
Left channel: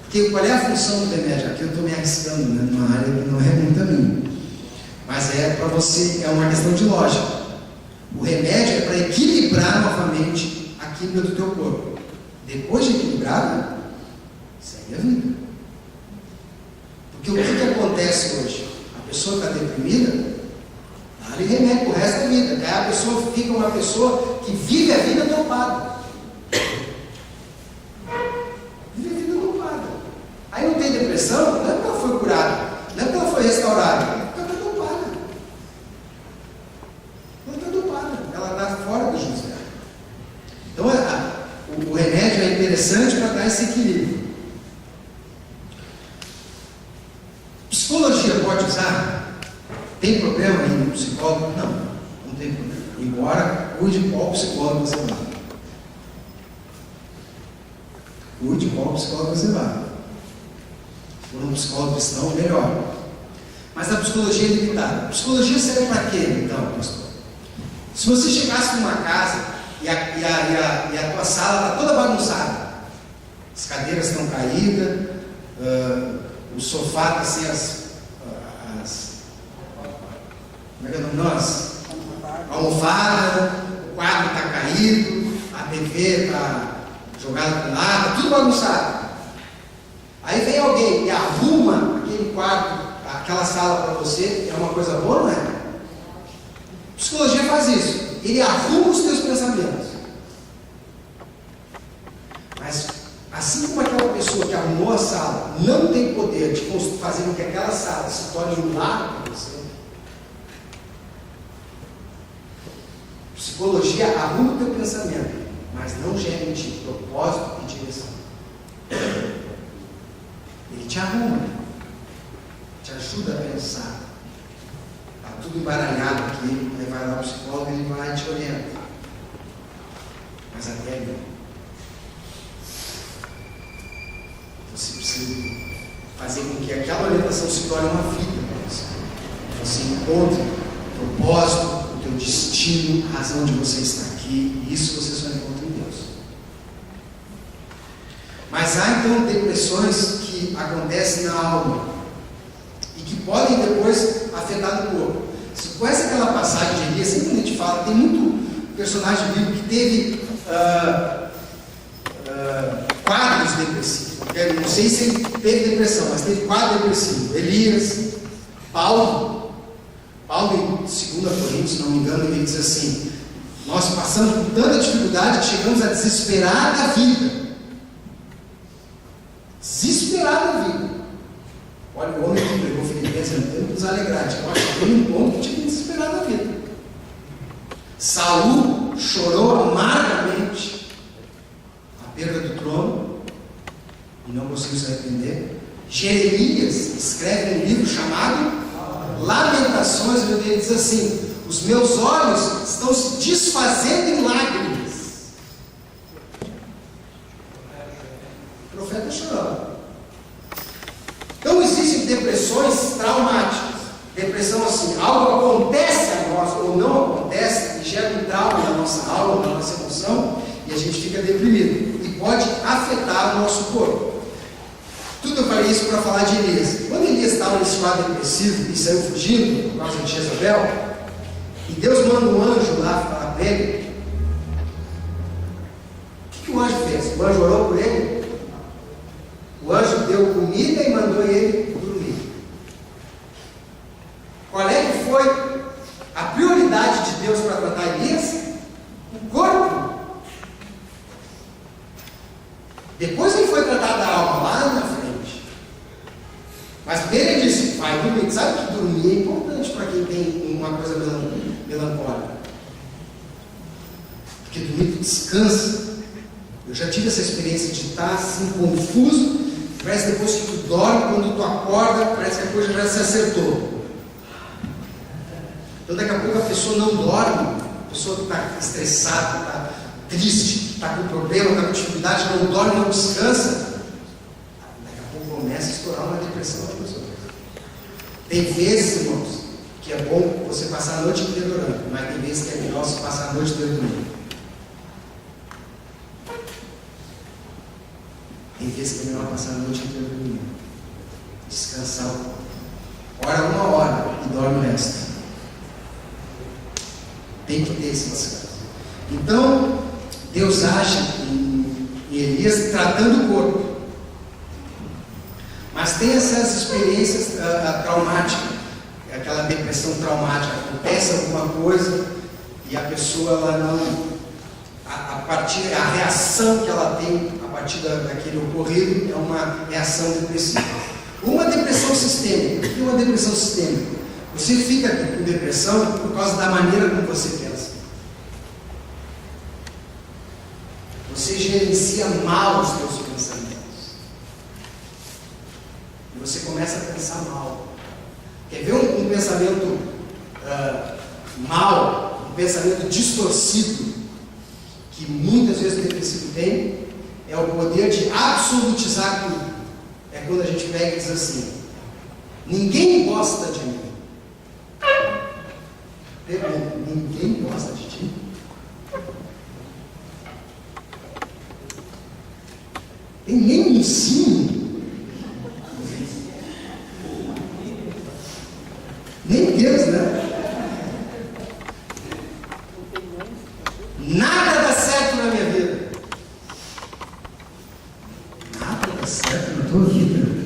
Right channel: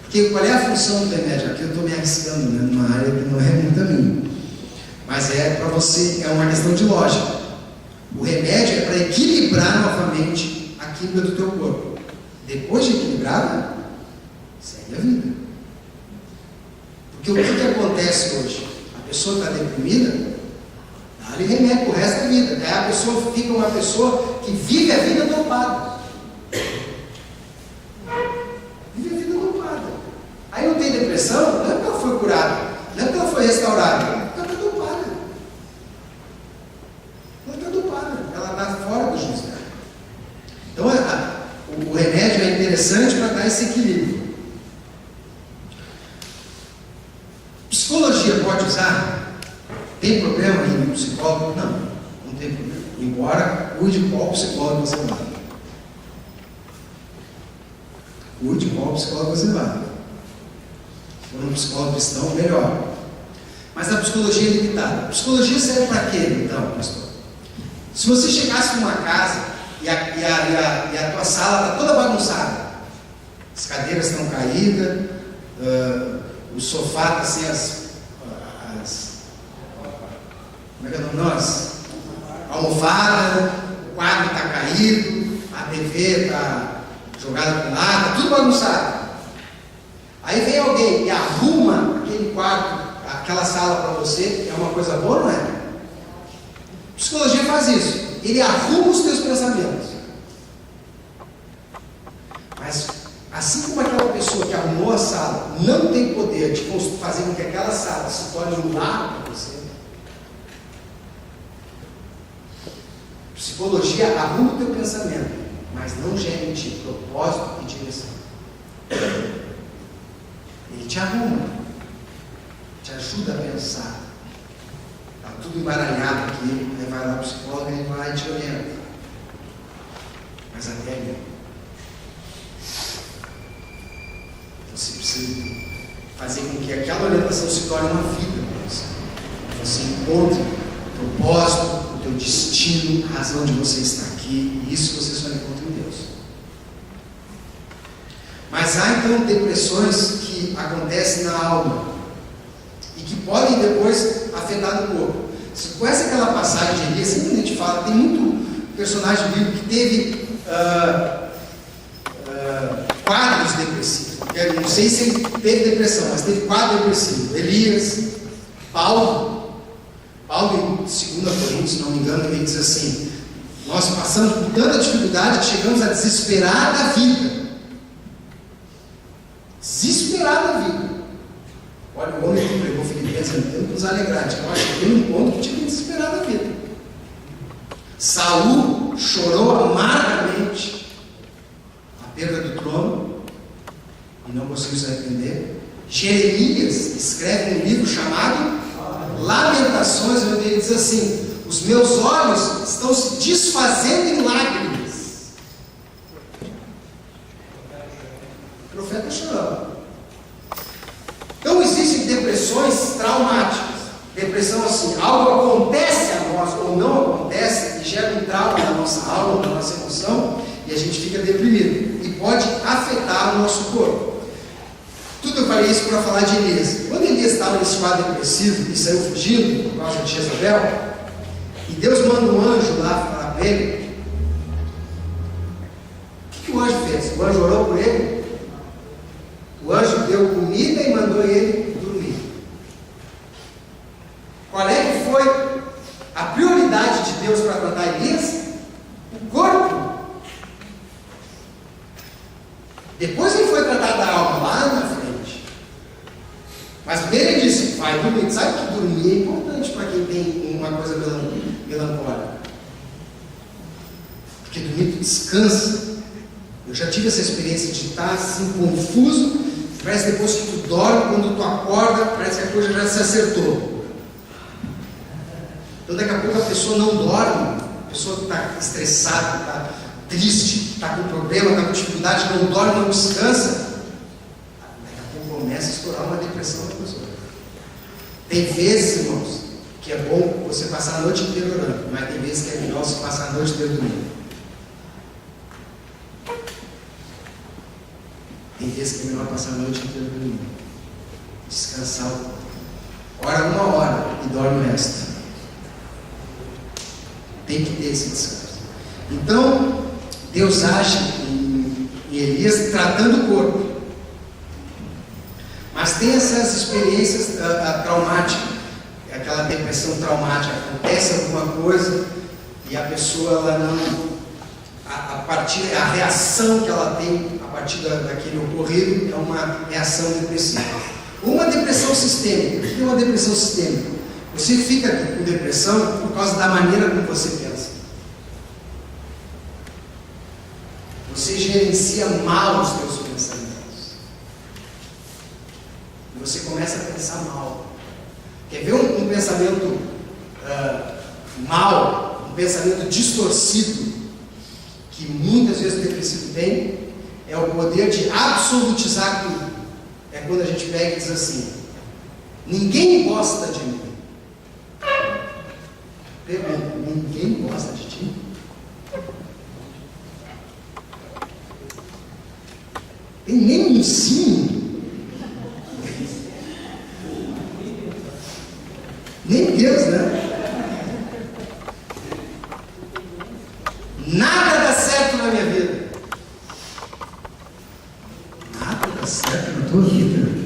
Porque qual é a função do remédio? Aqui eu estou me arriscando, né, numa área que não é muito a minha. Mas é para você, é uma questão de lógica. O remédio é para equilibrar novamente a química do teu corpo. Depois de equilibrada, segue a vida. Porque o que acontece hoje? A pessoa está deprimida, dá-lhe remédio pro resto da vida. Daí a pessoa fica uma pessoa que vive a vida dopada. Vive a vida dopada. Aí não tem depressão, não é porque ela foi curada, não é porque ela foi restaurada, é porque ela está dopada. Ela está dopada, ela está fora do juízo dela. Então o remédio é interessante para dar esse equilíbrio. Psicologia pode usar? Tem problema aí no psicólogo? Não tem problema. Embora cuide qual psicólogo você vai. Cuide qual psicólogo você vai. Se for um psicólogo cristão, melhor. Mas a psicologia é limitada. A psicologia serve para quê, então, pastor? Se você chegasse numa casa e a tua sala está toda bagunçada, as cadeiras estão caídas, o sofá está sem como é que é o nome nosso? Almofada, o quadro está caído, a TV está jogada para lá, está tudo bagunçado. Aí vem alguém e arruma aquele quadro, aquela sala para você, é uma coisa boa, não é? A psicologia faz isso, ele arruma os teus pensamentos. Mas assim como aquela pessoa que arrumou a sala não tem poder de fazer com que aquela sala se torne um lar para você, psicologia arruma o teu pensamento, mas não gera em ti propósito e direção. Ele te arruma, te ajuda a pensar. Está tudo embaralhado aqui, aí vai lá o psicólogo e ele vai e te orienta. Mas até ali. Você precisa fazer com que aquela orientação se torne uma vida para você. Você encontre propósito, o teu destino, a razão de você estar aqui, e isso você só encontra em Deus. Mas há então depressões que acontecem na alma e que podem depois afetar no corpo. Você conhece aquela passagem de Elias? Sempre a gente fala, tem muito personagem bíblico que teve quadros depressivos. Não sei se ele teve depressão, mas teve quadro depressivo. Elias, Paulo em 2 Coríntios, se não me engano, ele diz assim: nós passamos por tanta dificuldade que chegamos a desesperar da vida. Desesperar da vida. Olha, o homem que pregou Filipenses tentando nos alegrar. Eu acho que tem um ponto que tinha que desesperar da vida. Saul chorou amargamente a perda do trono e não conseguiu se arrepender. Jeremias escreve um livro chamado Lamentações, onde ele diz assim: os meus olhos estão se desfazendo em lágrimas. O profeta chorando. Então existem depressões traumáticas. Depressão assim, algo acontece a nós ou não acontece e gera um trauma na nossa alma, na nossa emoção, e a gente fica deprimido e pode afetar o nosso corpo. Tudo eu falei isso para falar de Elias. Quando Elias estava nesse quadro depressivo e saiu fugindo por causa de Jezabel, e Deus manda um anjo lá falar para ele, o que o anjo fez? O anjo orou por ele? O anjo deu comida e mandou ele dormir. Qual é que foi a prioridade de Deus para tratar Elias? O corpo. Depois ele foi tratar da alma lá na frente. Mas primeiro ele disse, vai dormir. Sabe que dormir é importante para quem tem uma coisa melancólica. Porque dormir tu descansa. Eu já tive essa experiência de estar assim confuso. Parece depois que tu dorme, quando tu acorda, parece que a coisa já se acertou. Então daqui a pouco a pessoa não dorme, a pessoa está estressada, está triste, está com problema, está com dificuldade, não dorme, não descansa. Daqui a pouco começa a estourar uma depressão na pessoa. Tem vezes, irmãos, que é bom você passar a noite inteira orando, mas tem vezes que é melhor você passar a noite inteira dormindo. Tem vezes que é melhor passar a noite inteira dormindo. Descansar o corpo. Ora uma hora e dorme o resto. Tem que ter esse descanso. Então, Deus age em Elias tratando o corpo. Mas tem essas experiências traumáticas, aquela depressão traumática. Acontece alguma coisa e a pessoa ela não. A reação que ela tem a partir daquele ocorrido é uma reação depressiva. Uma depressão sistêmica. O que é uma depressão sistêmica? Você fica com depressão por causa da maneira como você pensa. Você gerencia mal os seus pensamentos. E você começa a pensar mal. Quer ver um pensamento mal, um pensamento distorcido, que muitas vezes o depressivo tem? É o poder de absolutizar tudo. É quando a gente pega e diz assim: ninguém gosta de mim. Pergunta: ninguém gosta de ti? Tem nem um sim. Nem Deus, né? Nada dá certo na minha vida. Nada dá certo na tua vida.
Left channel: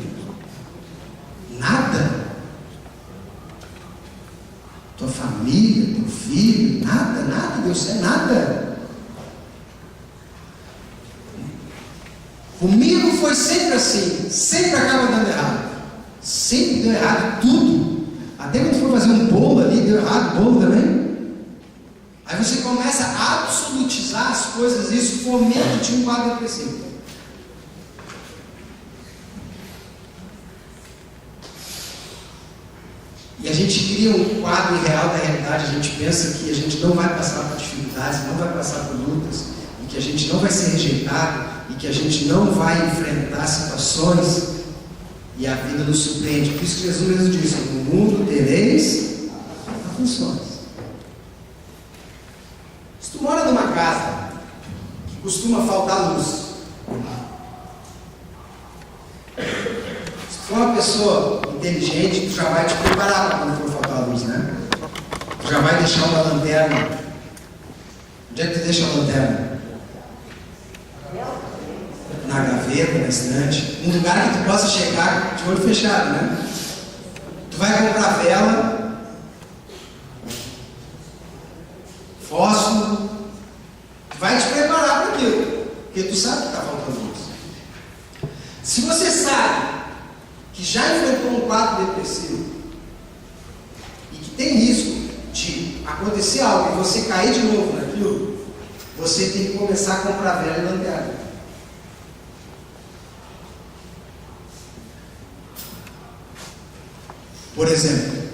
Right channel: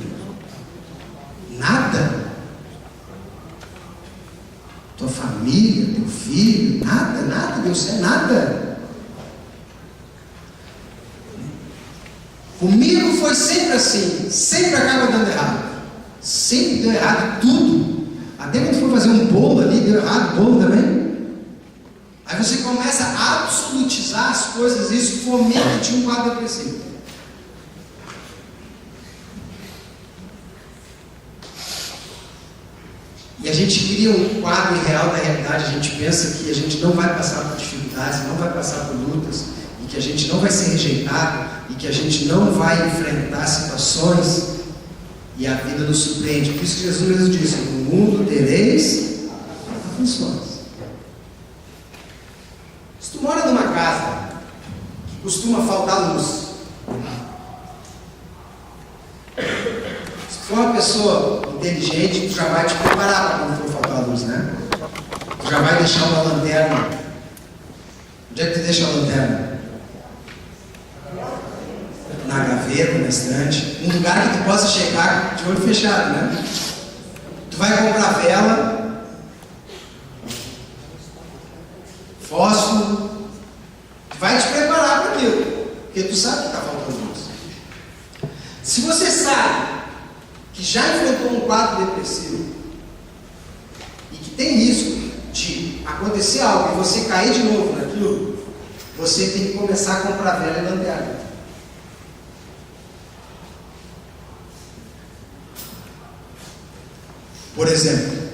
Nada. Tua família, teu filho, nada deu certo, nada. Comigo foi sempre assim, sempre acaba dando errado. Sempre deu errado tudo. Até quando for fazer um bolo ali, deu errado o bolo também. Aí você começa a absolutizar as coisas, e isso fomenta de um quadro depressivo. E a gente cria um quadro irreal da realidade. A gente pensa que a gente não vai passar por dificuldades, não vai passar por lutas, e que a gente não vai ser rejeitado, e que a gente não vai enfrentar situações, e a vida nos surpreende. Por isso que Jesus mesmo disse: no mundo tereis aflições. Se tu mora numa casa que costuma faltar luz, se tu for uma pessoa inteligente, tu já vai te preparar para quando for faltar luz, né? Tu já vai deixar uma lanterna. Onde é que tu deixa a lanterna? Na gaveta, na estante, um lugar que tu possa chegar de olho fechado, né? Tu vai comprar vela, fósforo, tu vai te preparar para aquilo, porque tu sabe que está faltando luz. Se você sabe que já enfrentou um quadro depressivo e que tem risco de acontecer algo e você cair de novo naquilo, você tem que começar a comprar vela e lanterna. Por exemplo,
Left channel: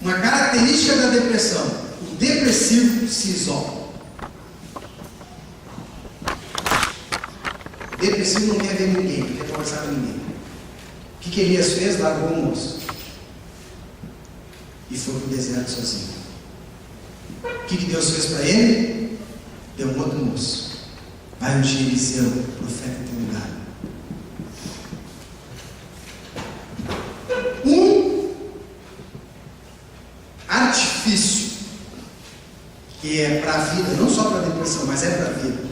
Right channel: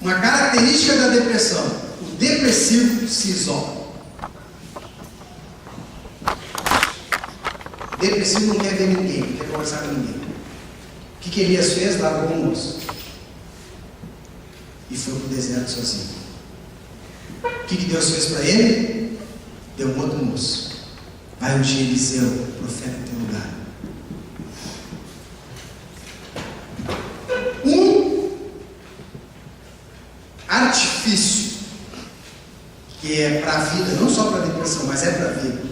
uma característica da depressão: o depressivo se isola. O depressivo não quer ver ninguém, não quer conversar com ninguém. O que Elias fez? Largou o moço e foi para o deserto sozinho. O que Deus fez para ele? Deu um outro moço. vai ungir Eliseu, profeta em teu lugar. Um artifício que é para a vida, não só para a depressão, mas é para a vida,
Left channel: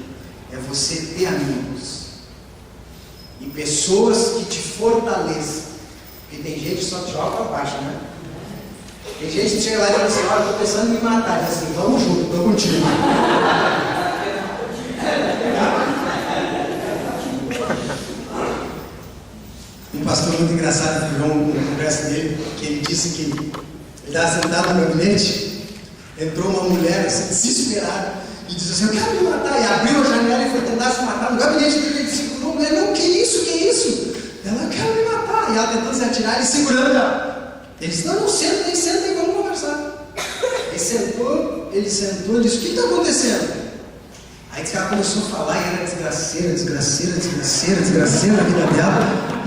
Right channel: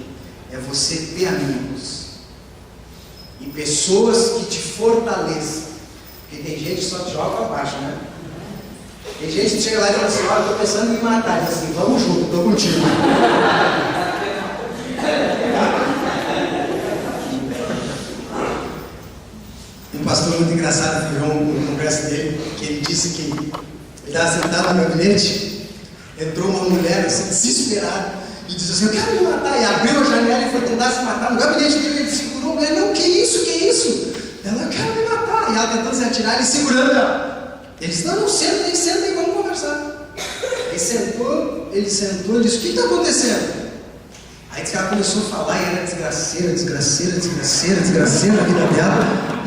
é você ter amigos e pessoas que te fortaleçam. Porque tem gente que só te joga para baixo, né? Tem gente que chega lá e fala assim: olha, estou pensando em me matar. E diz assim: vamos junto, estou contigo. Um pastor muito engraçado virou um congresso dele, que ele disse que ele estava sentado no gabinete, entrou uma mulher assim, desesperada, e disse assim: eu quero me matar. E abriu a janela e foi tentar se matar. No gabinete dele, ele segurou a mulher: não, que isso? Ela: eu quero me matar. E ela tentando se atirar, ele segurando ela. Ele disse: não, senta aí, vamos conversar. Ele sentou, e disse: o que está acontecendo? Aí disse que ela começou a falar e era desgraceira a vida dela.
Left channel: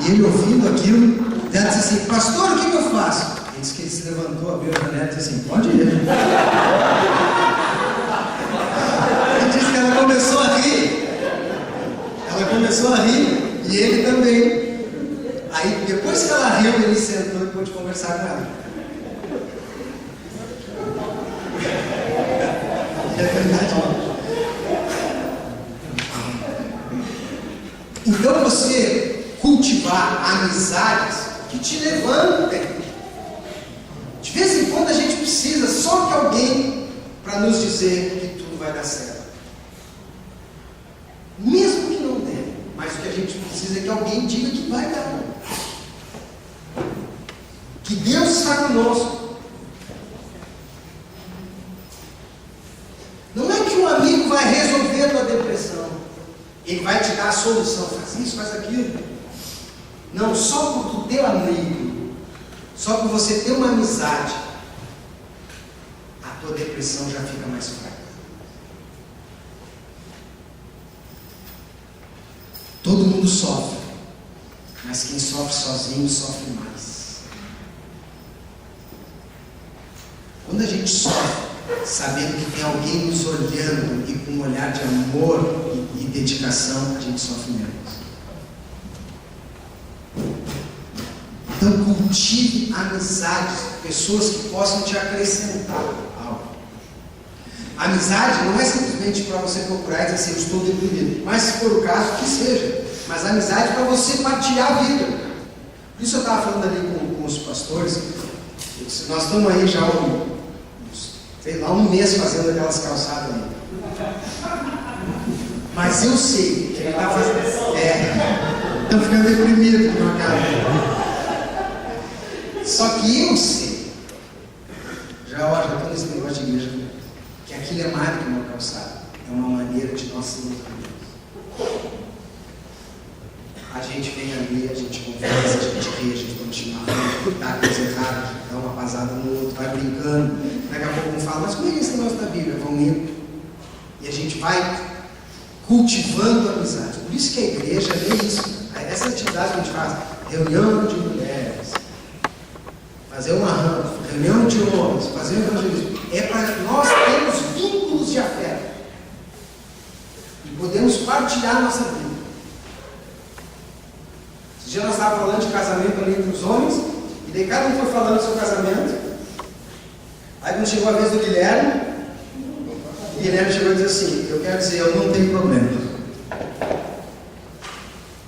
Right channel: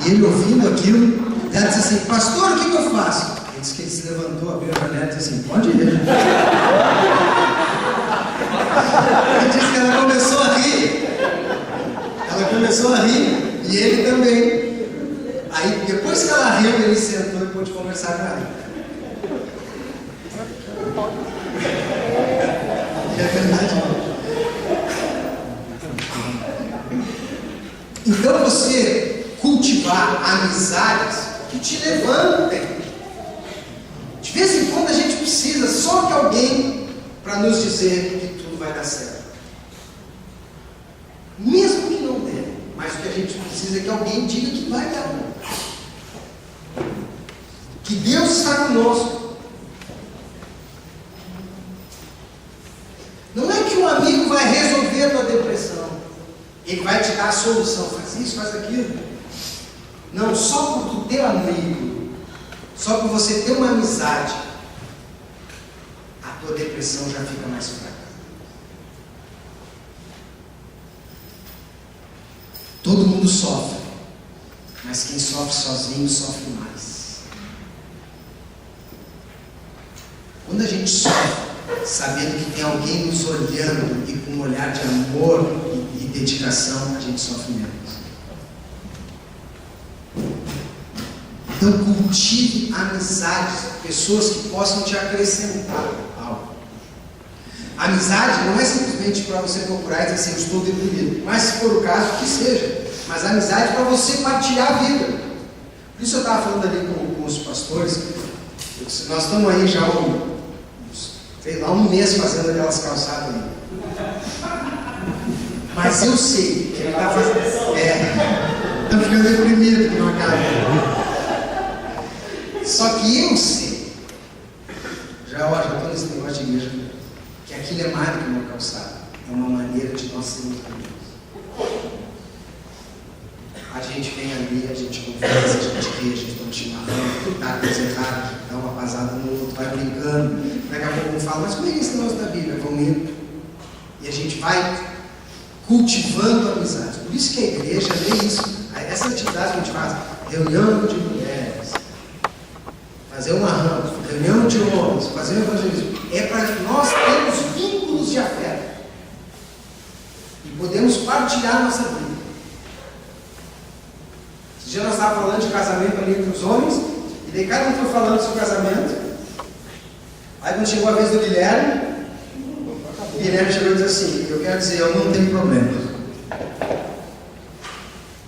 E ele ouvindo aquilo, ela disse assim: pastor, o que eu faço? Ele disse que ele se levantou, abriu a janela e disse assim: pode ir. Ele disse que ela começou a rir, e ele também. Aí depois que ela riu, ele sentou e pôde conversar com ela. É verdade. Então você cultivar amizades que te levantem. De vez em quando a gente precisa só de alguém para nos dizer que tudo vai dar certo. Mesmo que não dê, mas o que a gente precisa é que alguém diga que vai dar. Que Deus está conosco. Não é que um amigo vai resolver a tua depressão. Ele vai te dar a solução, faz isso, faz aquilo. Não, só por tu ter amigo, só por você ter uma amizade, a tua depressão já fica mais fraca. Todo mundo sofre, mas quem sofre sozinho sofre mais. Quando a gente sofre, sabendo que tem alguém nos olhando e com um olhar de amor e dedicação, a gente sofre menos. Então cultive amizades, pessoas que possam te acrescentar algo. Amizade não é simplesmente para você procurar e dizer assim: eu estou deprimido, mas se for o caso, que seja. Mas amizade é para você partilhar a vida. Por isso eu estava falando ali com os pastores. Nós estamos aí já um mês fazendo aquelas calçadas ali. Mas eu sei que ele está fazendo. Estão ficando deprimidos com a cara. Só que eu sei, já estou nesse negócio de igreja, que aquilo é mais do que uma calçada, é uma maneira de nós sermos amigos. A gente vem ali, a gente conversa, a gente ri, a gente toma chimarrão, dá coisa errada, dá uma pasada no outro, vai brincando. Daqui a pouco um fala: mas como é que é esse negócio da Bíblia? Vamos indo. E a gente vai cultivando a amizade. Por isso que a igreja é isso. Essa atividade que a gente faz, reunião de mulheres, fazer uma rampa, reunião de homens, fazer um evangelismo, é para nós termos vínculos de afeto e podemos partilhar a nossa vida. Esse dia nós estávamos falando de casamento ali entre os homens, e daí cada um foi falando do seu casamento. Aí quando chegou a vez do Guilherme, o Guilherme chegou e disse assim: eu quero dizer, eu não tenho problema.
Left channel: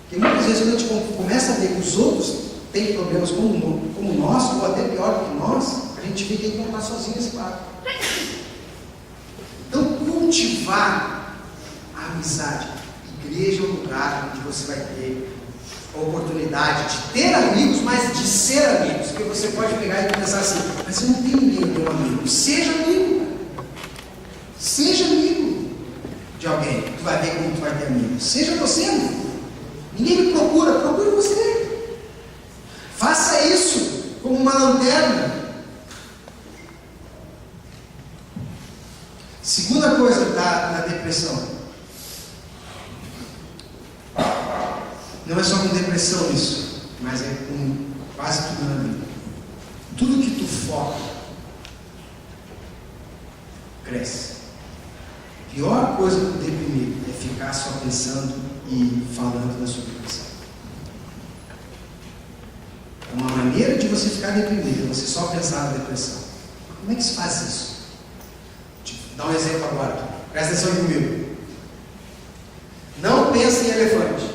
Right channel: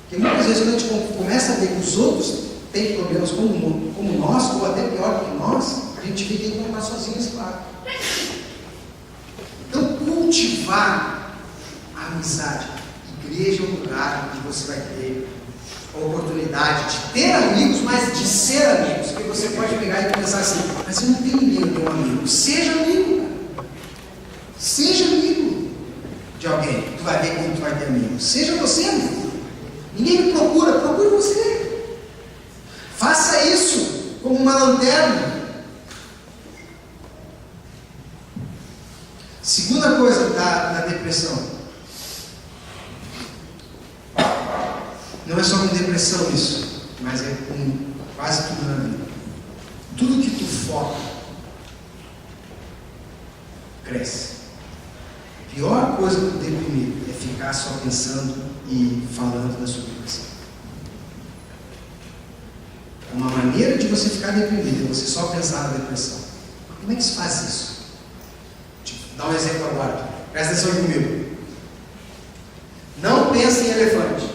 Porque muitas vezes quando a gente começa a ver que os outros têm problemas como nós, ou até pior do que nós, a gente fica encontrar sozinho esse barco. Então cultivar a amizade. Igreja é um lugar onde você vai ter a oportunidade de ter amigos, mas de ser amigos. Porque você pode pegar e pensar assim: mas eu não tenho ninguém, eu tenho um amigo. Seja amigo, cara. Seja amigo de alguém. Tu vai ver como tu vai ter amigo. Seja você amigo. Ninguém me procure você. Faça isso como uma lanterna. Segunda coisa da depressão. Não é só com depressão isso, mas é com quase tudo na vida. Tudo que tu foca cresce. A pior coisa do deprimido é ficar só pensando e falando da sua depressão. É uma maneira de você ficar deprimido, você só pensar na depressão. Como é que se faz isso? Dá um exemplo agora. Presta atenção comigo. Não pense em elefante.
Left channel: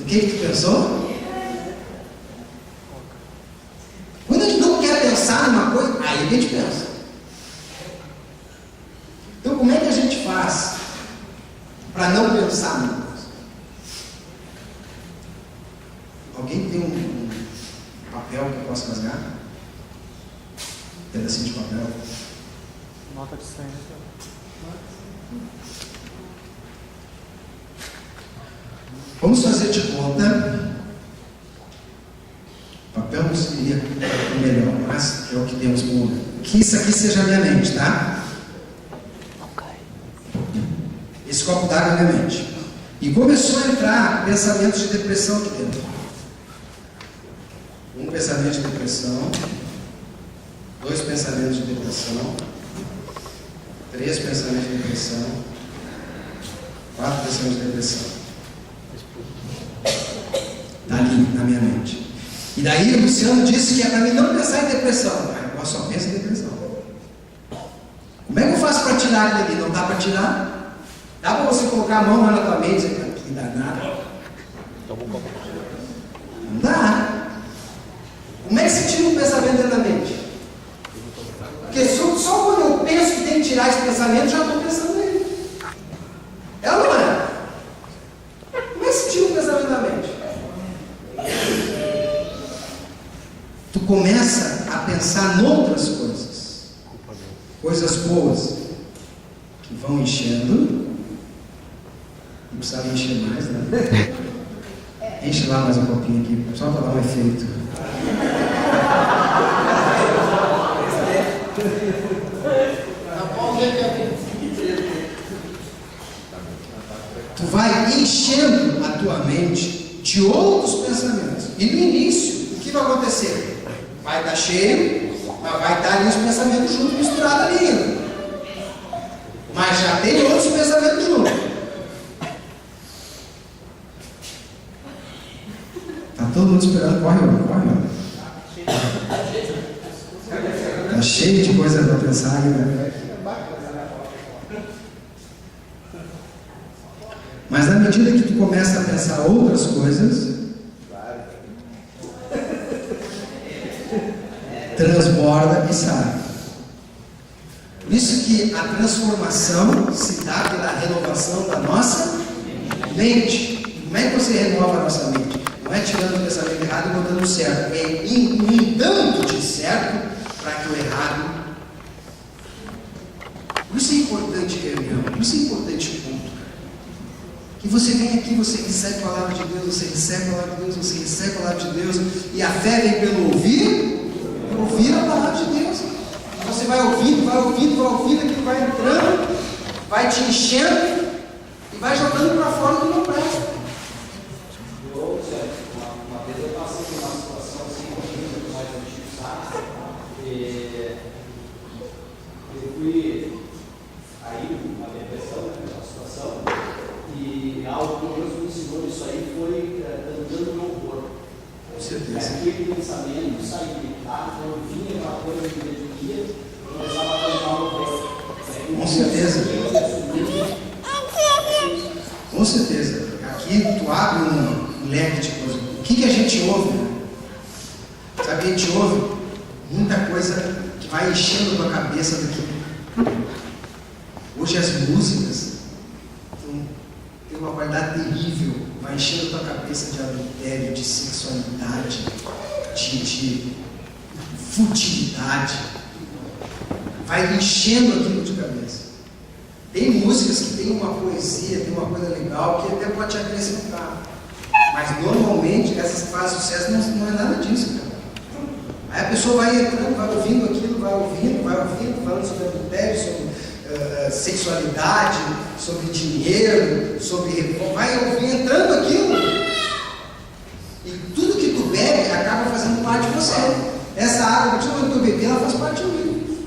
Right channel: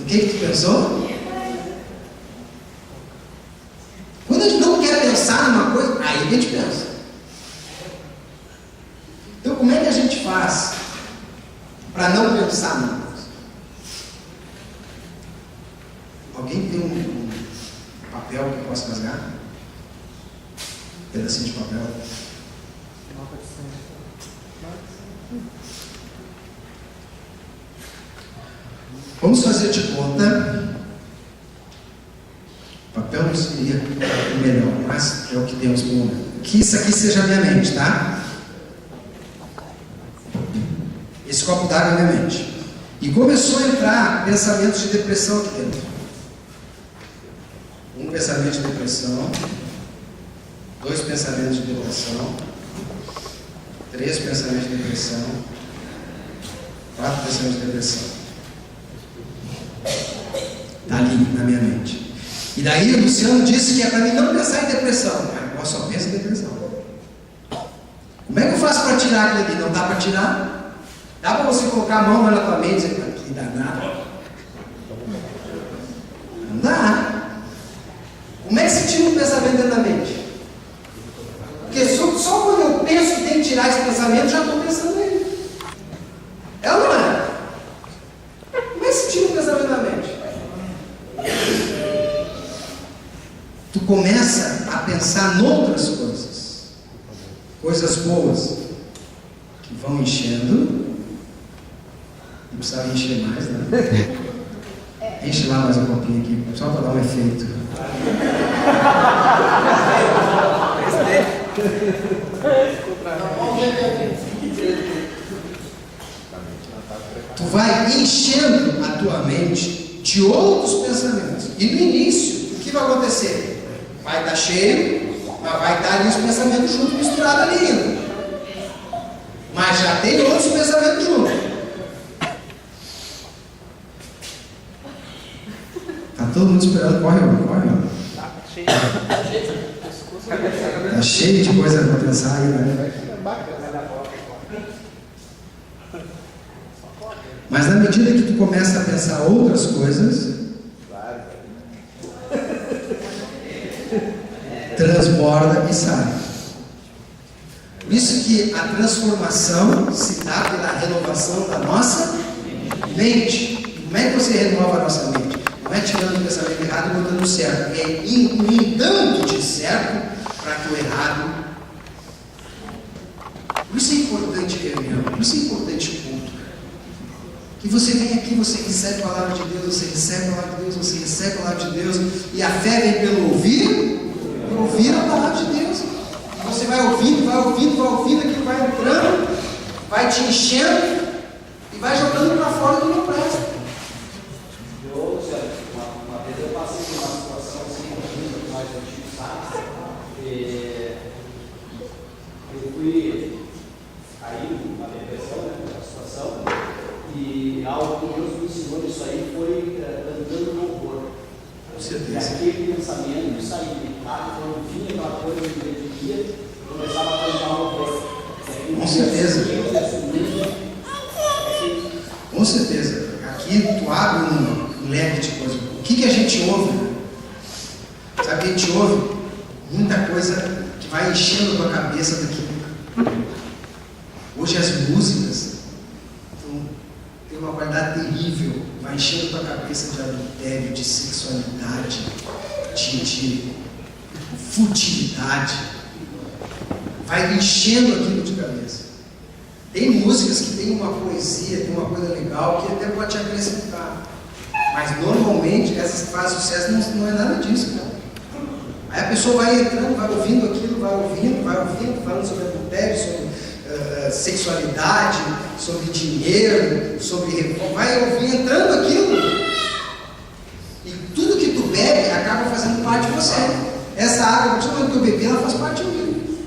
O que tu pensou? Quando a gente não quer pensar numa coisa, aí a gente pensa. Então, como é que a gente faz para não pensar numa coisa? Alguém tem um papel que eu possa rasgar? Um pedacinho de papel. Nota de 100. Vamos fazer de conta. O papel não seria o melhor, mas é o que temos no momento. Que isso aqui seja a minha mente, tá? Esse copo d'água é minha mente. E começou a entrar pensamentos de depressão aqui dentro. Um pensamento de depressão. 2 pensamentos de depressão. 3 pensamentos de depressão. 4 pensamentos de depressão. Está ali na minha mente. E daí o Luciano disse que é para mim não pensar em depressão. Eu só penso em depressão. Como é que eu faço para tirar aquilo ali? Não dá para tirar? Dá para você colocar a mão lá na tua mente e dizer, que danado? Não dá. Como é que se tira um pensamento dentro da mente? Porque só quando eu penso que tem que tirar esse pensamento, já estou pensando nele. É ou não é? Como é que se tira um pensamento da mente? Tu começa a pensar noutras coisas. Coisas boas. Que vão enchendo. Não precisava encher mais, né? Enche lá mais um copinho aqui, só para dar um efeito. Tu vai enchendo a tua mente de outros pensamentos. E no início, o que vai acontecer? Vai estar cheio, mas vai estar ali os pensamentos juntos, misturados ali ainda. Mas já tem outros pensamentos juntos. Tá todo mundo esperando, corre, ó. Tá cheio de coisa para pensar aí, né? Mas na medida que tu começa a pensar outras coisas, transborda e sai. Por isso que a transformação se dá pela renovação da nossa mente. Como é que você renova a nossa mente? Não é tirando o pensamento errado e botando o certo. É inundando de certo para que o errado. Por isso é importante reunião. Por isso é importante culto. Que você vem aqui, você recebe a palavra de Deus, você recebe a palavra de Deus, você recebe a palavra de Deus. E a fé vem pelo ouvir a palavra de Deus. E você vai ouvindo, aquilo vai entrando, vai te enchendo e vai jogando para fora do que não presta. Uma vez eu passei por uma situação assim, muito mais antiga, sabe? Eu fui aí, uma depressão, né, uma situação, e algo que Deus me ensinou nisso aí foi cantando louvor. Com certeza. Aquele pensamento saía de casa, quando vinha aquela coisa que me definia, eu começava a cantar louvor. Com certeza. Com certeza. Aqui tu abre um leque de coisas. O que a gente ouve? Sabe o que a gente ouve? Muita coisa que vai enchendo a tua cabeça daqui. Hoje as músicas têm uma qualidade terrível. Vai enchendo a tua cabeça de adultério, de sexualidade, de futilidade. Vai enchendo aquilo de cabeça. Tem músicas que tem uma poesia, tem uma coisa legal que até pode te acrescentar. Mas normalmente essas que fazem sucesso não é nada disso, cara. Aí a pessoa vai entrando, vai ouvindo aquilo, vai ouvindo, falando sobre adultério, sobre sexualidade, sobre dinheiro, vai ouvir entrando aquilo. E tudo que tu bebe acaba fazendo parte de você. Essa água, principalmente que eu bebi, ela faz parte de mim.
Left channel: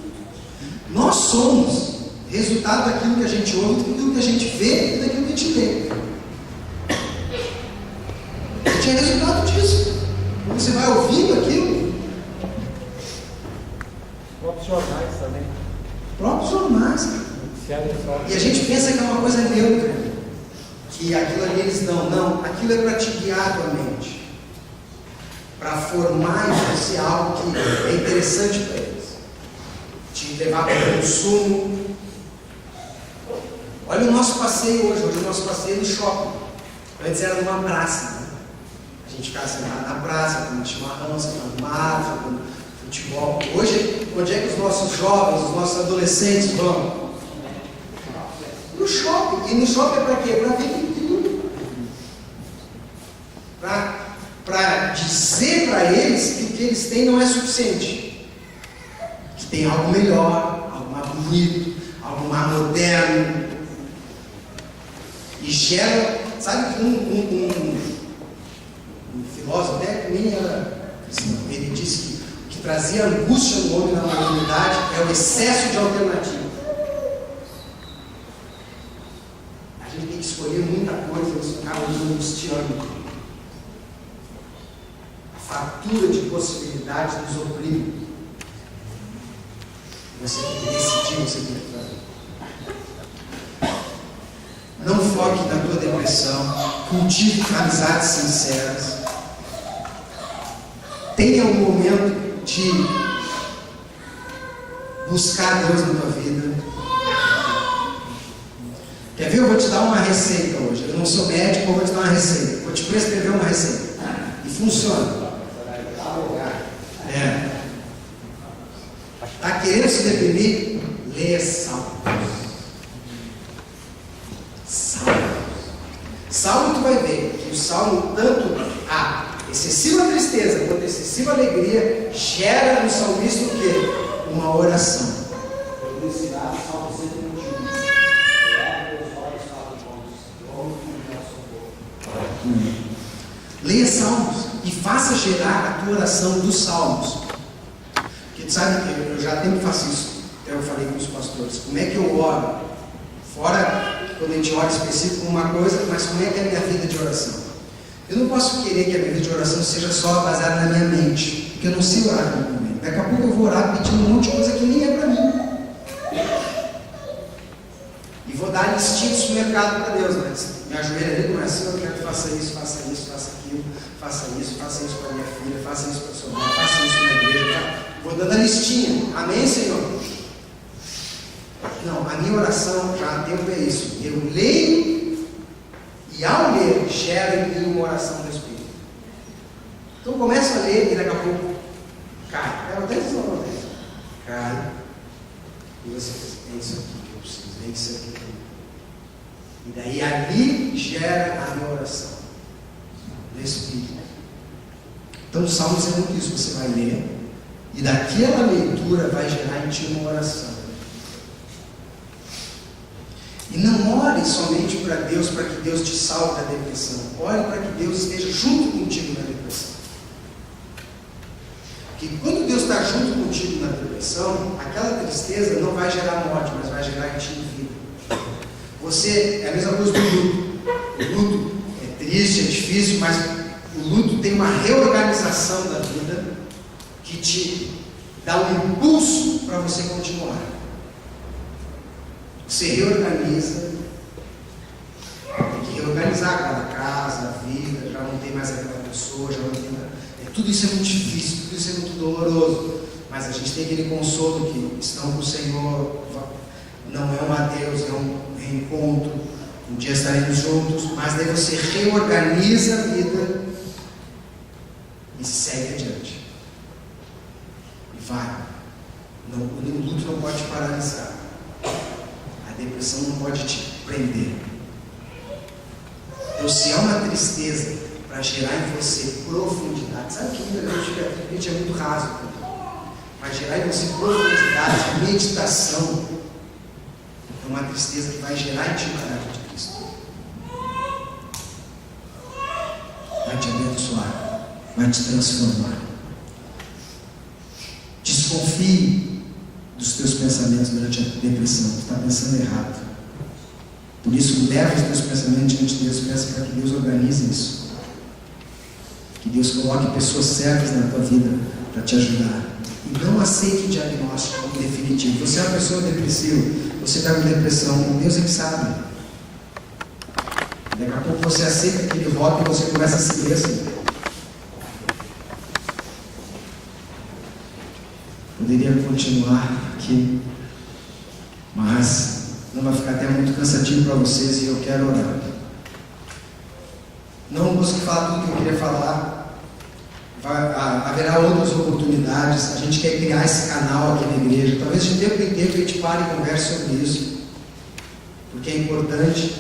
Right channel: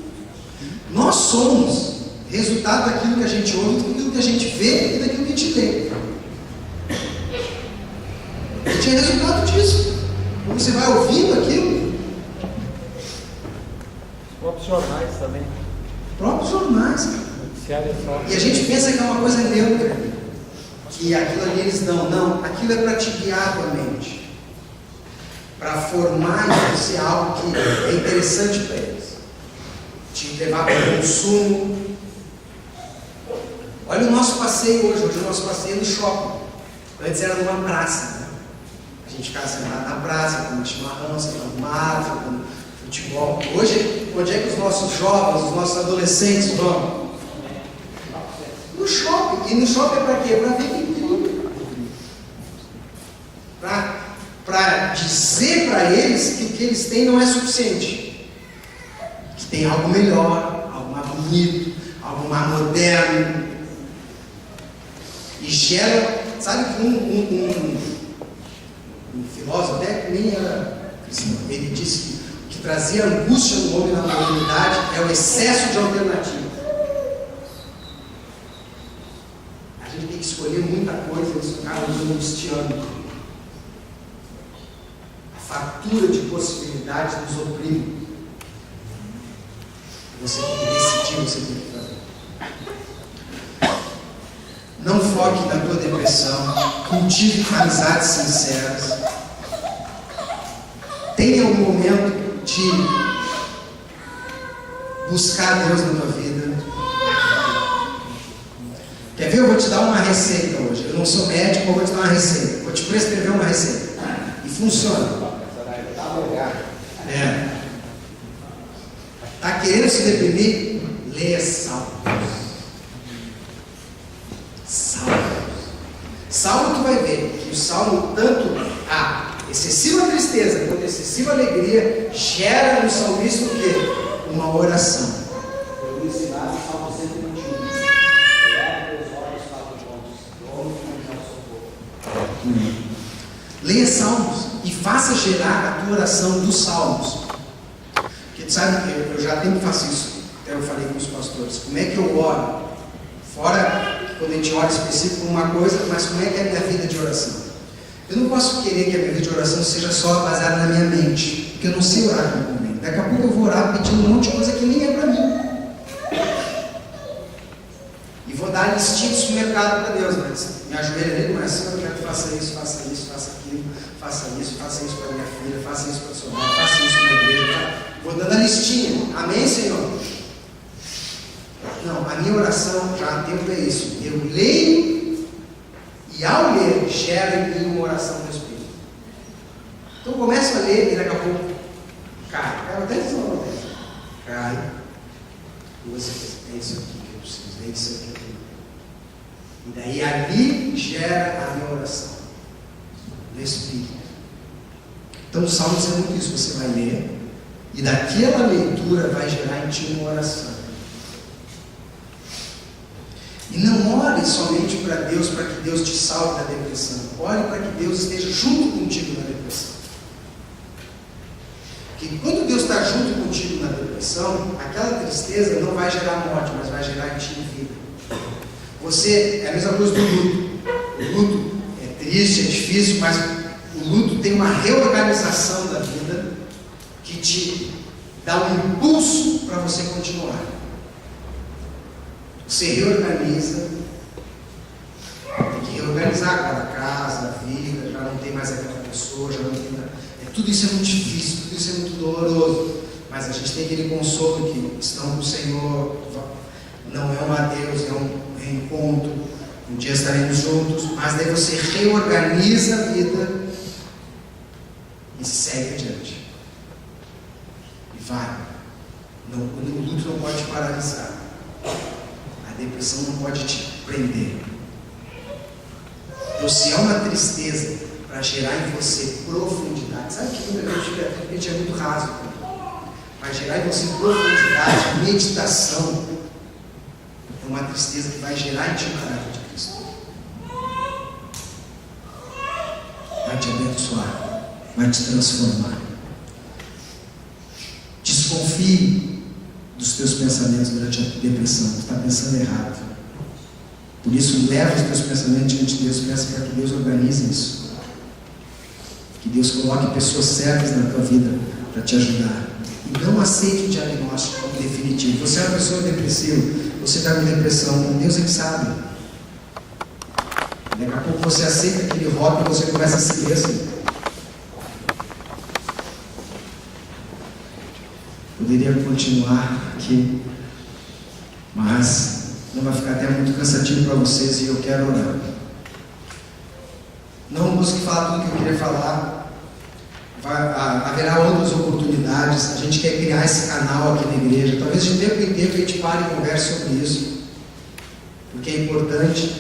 Nós somos Resultado daquilo que a gente ouve, daquilo que a gente vê e daquilo que a gente lê. A gente é resultado disso. Quando você vai ouvindo aquilo. Os próprios jornais também. Próprios jornais. E a gente pensa que é uma coisa neutra, que aquilo ali eles dão. Não, aquilo é para te guiar a tua mente, para formar em você algo que é interessante para eles, te levar para o consumo. Olha o nosso passeio hoje. Hoje o nosso passeio é no shopping. Antes era numa praça, né? A gente ficava sentado na praça, comendo chimarrão, sentado no mar, jogando futebol. Hoje, onde é que os nossos jovens, os nossos adolescentes vão? No shopping. E no shopping é para quê? Para ver tudo. Para dizer para eles que o que eles têm não é suficiente. Que tem algo melhor, algo mais bonito, algo mais moderno. E gera, sabe que um filósofo, até que nem era cristão, ele disse que o que trazia angústia no homem na modernidade é o excesso de alternativa. A gente tem que escolher muita coisa e isso acaba nos angustiando. A fartura de possibilidades nos oprime. Você tem que decidir, você tem que fazer. Não foque na tua depressão. Cultive amizades sinceras. Tenha um momento de buscar Deus na tua vida. Quer ver? Eu vou te dar uma receita hoje. Eu não sou médico, eu vou te dar uma receita. Vou te prescrever uma receita. E funciona. Está querendo se deprimir? Leia Salmos. Salmo, tu vai ver que o Salmo, tanto a excessiva tristeza quanto a excessiva alegria, gera no salmista o quê? Uma oração. Eu vou ensinar o Salmo 121. Leia Salmos e faça gerar a tua oração dos Salmos. Porque tu sabe que eu já tempo faço isso. Até eu falei com os pastores. Como é que eu oro? Fora quando a gente ora específico uma coisa, mas como é que é a minha vida de oração? Eu não posso querer que a minha vida de oração seja só baseada na minha mente, porque eu não sei orar com a mente. Daqui a pouco eu vou orar pedindo um monte de coisa que nem é para mim. E vou dar listinha de supermercado para Deus, né? Me ajoelha ali, não é assim, eu quero que faça isso, faça isso, faça aquilo, faça isso para minha filha, faça isso para sua mãe, faça isso na igreja. Tá? Vou dando a listinha. Amém, Senhor? Não, a minha oração já há tempo é isso. Eu leio e ao ler gera em mim uma oração do Espírito. Então eu começo a ler e daqui a pouco cai. Eu até dizer uma vez. Cai. E você pensa, é isso aqui que eu preciso, é isso aqui que eu tenho. E daí ali gera a minha oração do Espírito. Então o Salmo é muito isso. Você vai ler e daquela leitura vai gerar em ti uma oração. E não ore somente para Deus, para que Deus te salve da depressão. Ore para que Deus esteja junto contigo na depressão. Porque quando Deus está junto contigo na depressão, aquela tristeza não vai gerar morte, mas vai gerar em ti vida. Você, é a mesma coisa do luto. O luto é triste, é difícil, mas o luto tem uma reorganização da vida que te dá um impulso para você continuar. Você reorganiza, tem que reorganizar cada casa, a vida, já não tem mais aquela pessoa, já não tem nada. Tudo isso é muito difícil, tudo isso é muito doloroso, mas a gente tem aquele consolo que estão com o Senhor, não é um adeus, é um reencontro, um dia estaremos juntos, mas daí você reorganiza a vida e segue adiante. E vai. Não, o luto não pode te paralisar. A depressão não pode te prender. Então, se é uma tristeza para gerar em você profundidade, sabe que muita gente é muito raso, vai gerar em você profundidade, meditação, é uma tristeza que vai gerar em ti o caráter de Cristo, vai te abençoar, vai te transformar. Desconfie dos teus pensamentos durante a depressão. Tu está pensando errado. Por isso, leva os teus pensamentos diante de Deus e peça para que Deus organize isso. Que Deus coloque pessoas certas na tua vida para te ajudar. E não aceite o diagnóstico como definitivo. Você é uma pessoa depressiva, você está com depressão, Deus é que sabe. Daqui a pouco você aceita aquele hobby e você começa a se ver assim. Poderia continuar aqui, mas não vai ficar até muito cansativo para vocês e eu quero orar. Não consegui falar tudo que eu queria falar. Haverá outras oportunidades. A gente quer criar esse canal aqui na igreja. Talvez de tempo em tempo a gente pare e converse sobre isso, porque é importante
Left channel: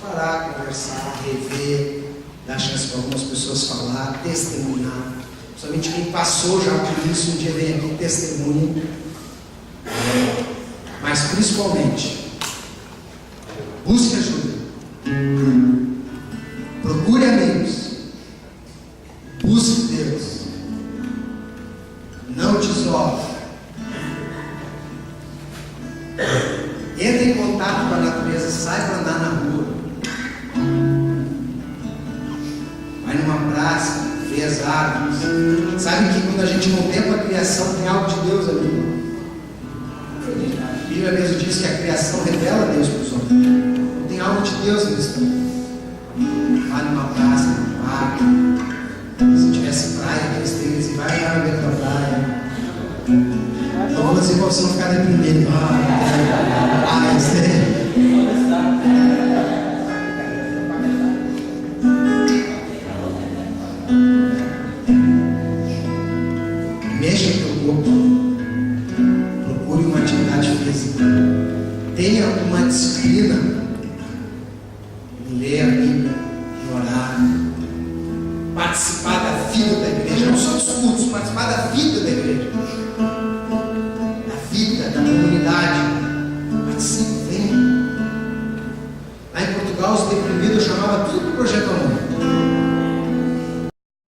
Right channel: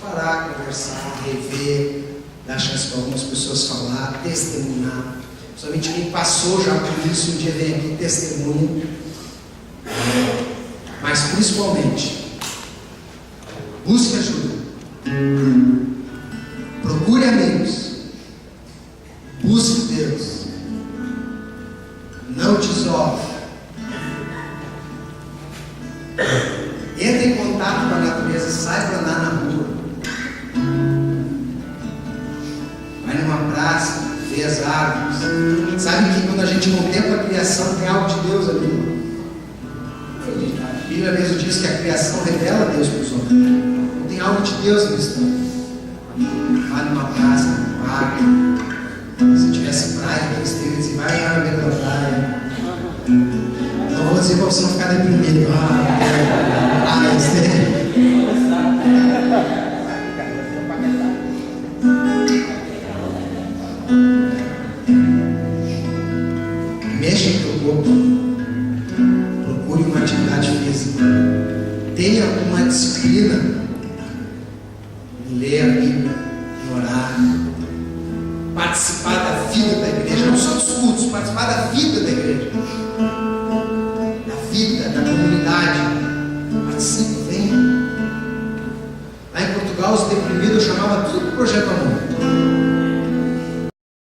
parar, conversar, rever, dar chance para algumas pessoas falar, testemunhar. Somente quem passou já por isso um dia vem aqui testemunha. Mas principalmente, busque ajuda, procure amigos, busque Deus, não te isole, entre em contato com a natureza, sai para andar na rua, vai numa praça, vê as árvores. Sabe que quando a gente contempla a criação, tem algo de Deus ali. A Bíblia mesmo diz que a criação revela Deus para os homens. Então, tem algo de Deus nisso. Vai numa praça, num parque. Se tivesse praia, eles teriam dizer, vai lá no meio da praia. Então vou dizer para você não ficar deprimido. Mexa o teu corpo. Procure uma atividade física. Tenha uma disciplina em ler a Bíblia, em orar, participar da vida da igreja, não só dos cultos, participar da vida da igreja, da vida, da comunidade. Participe, venha. Lá em Portugal, os deprimidos eu chamava tudo para o Projeto Amor.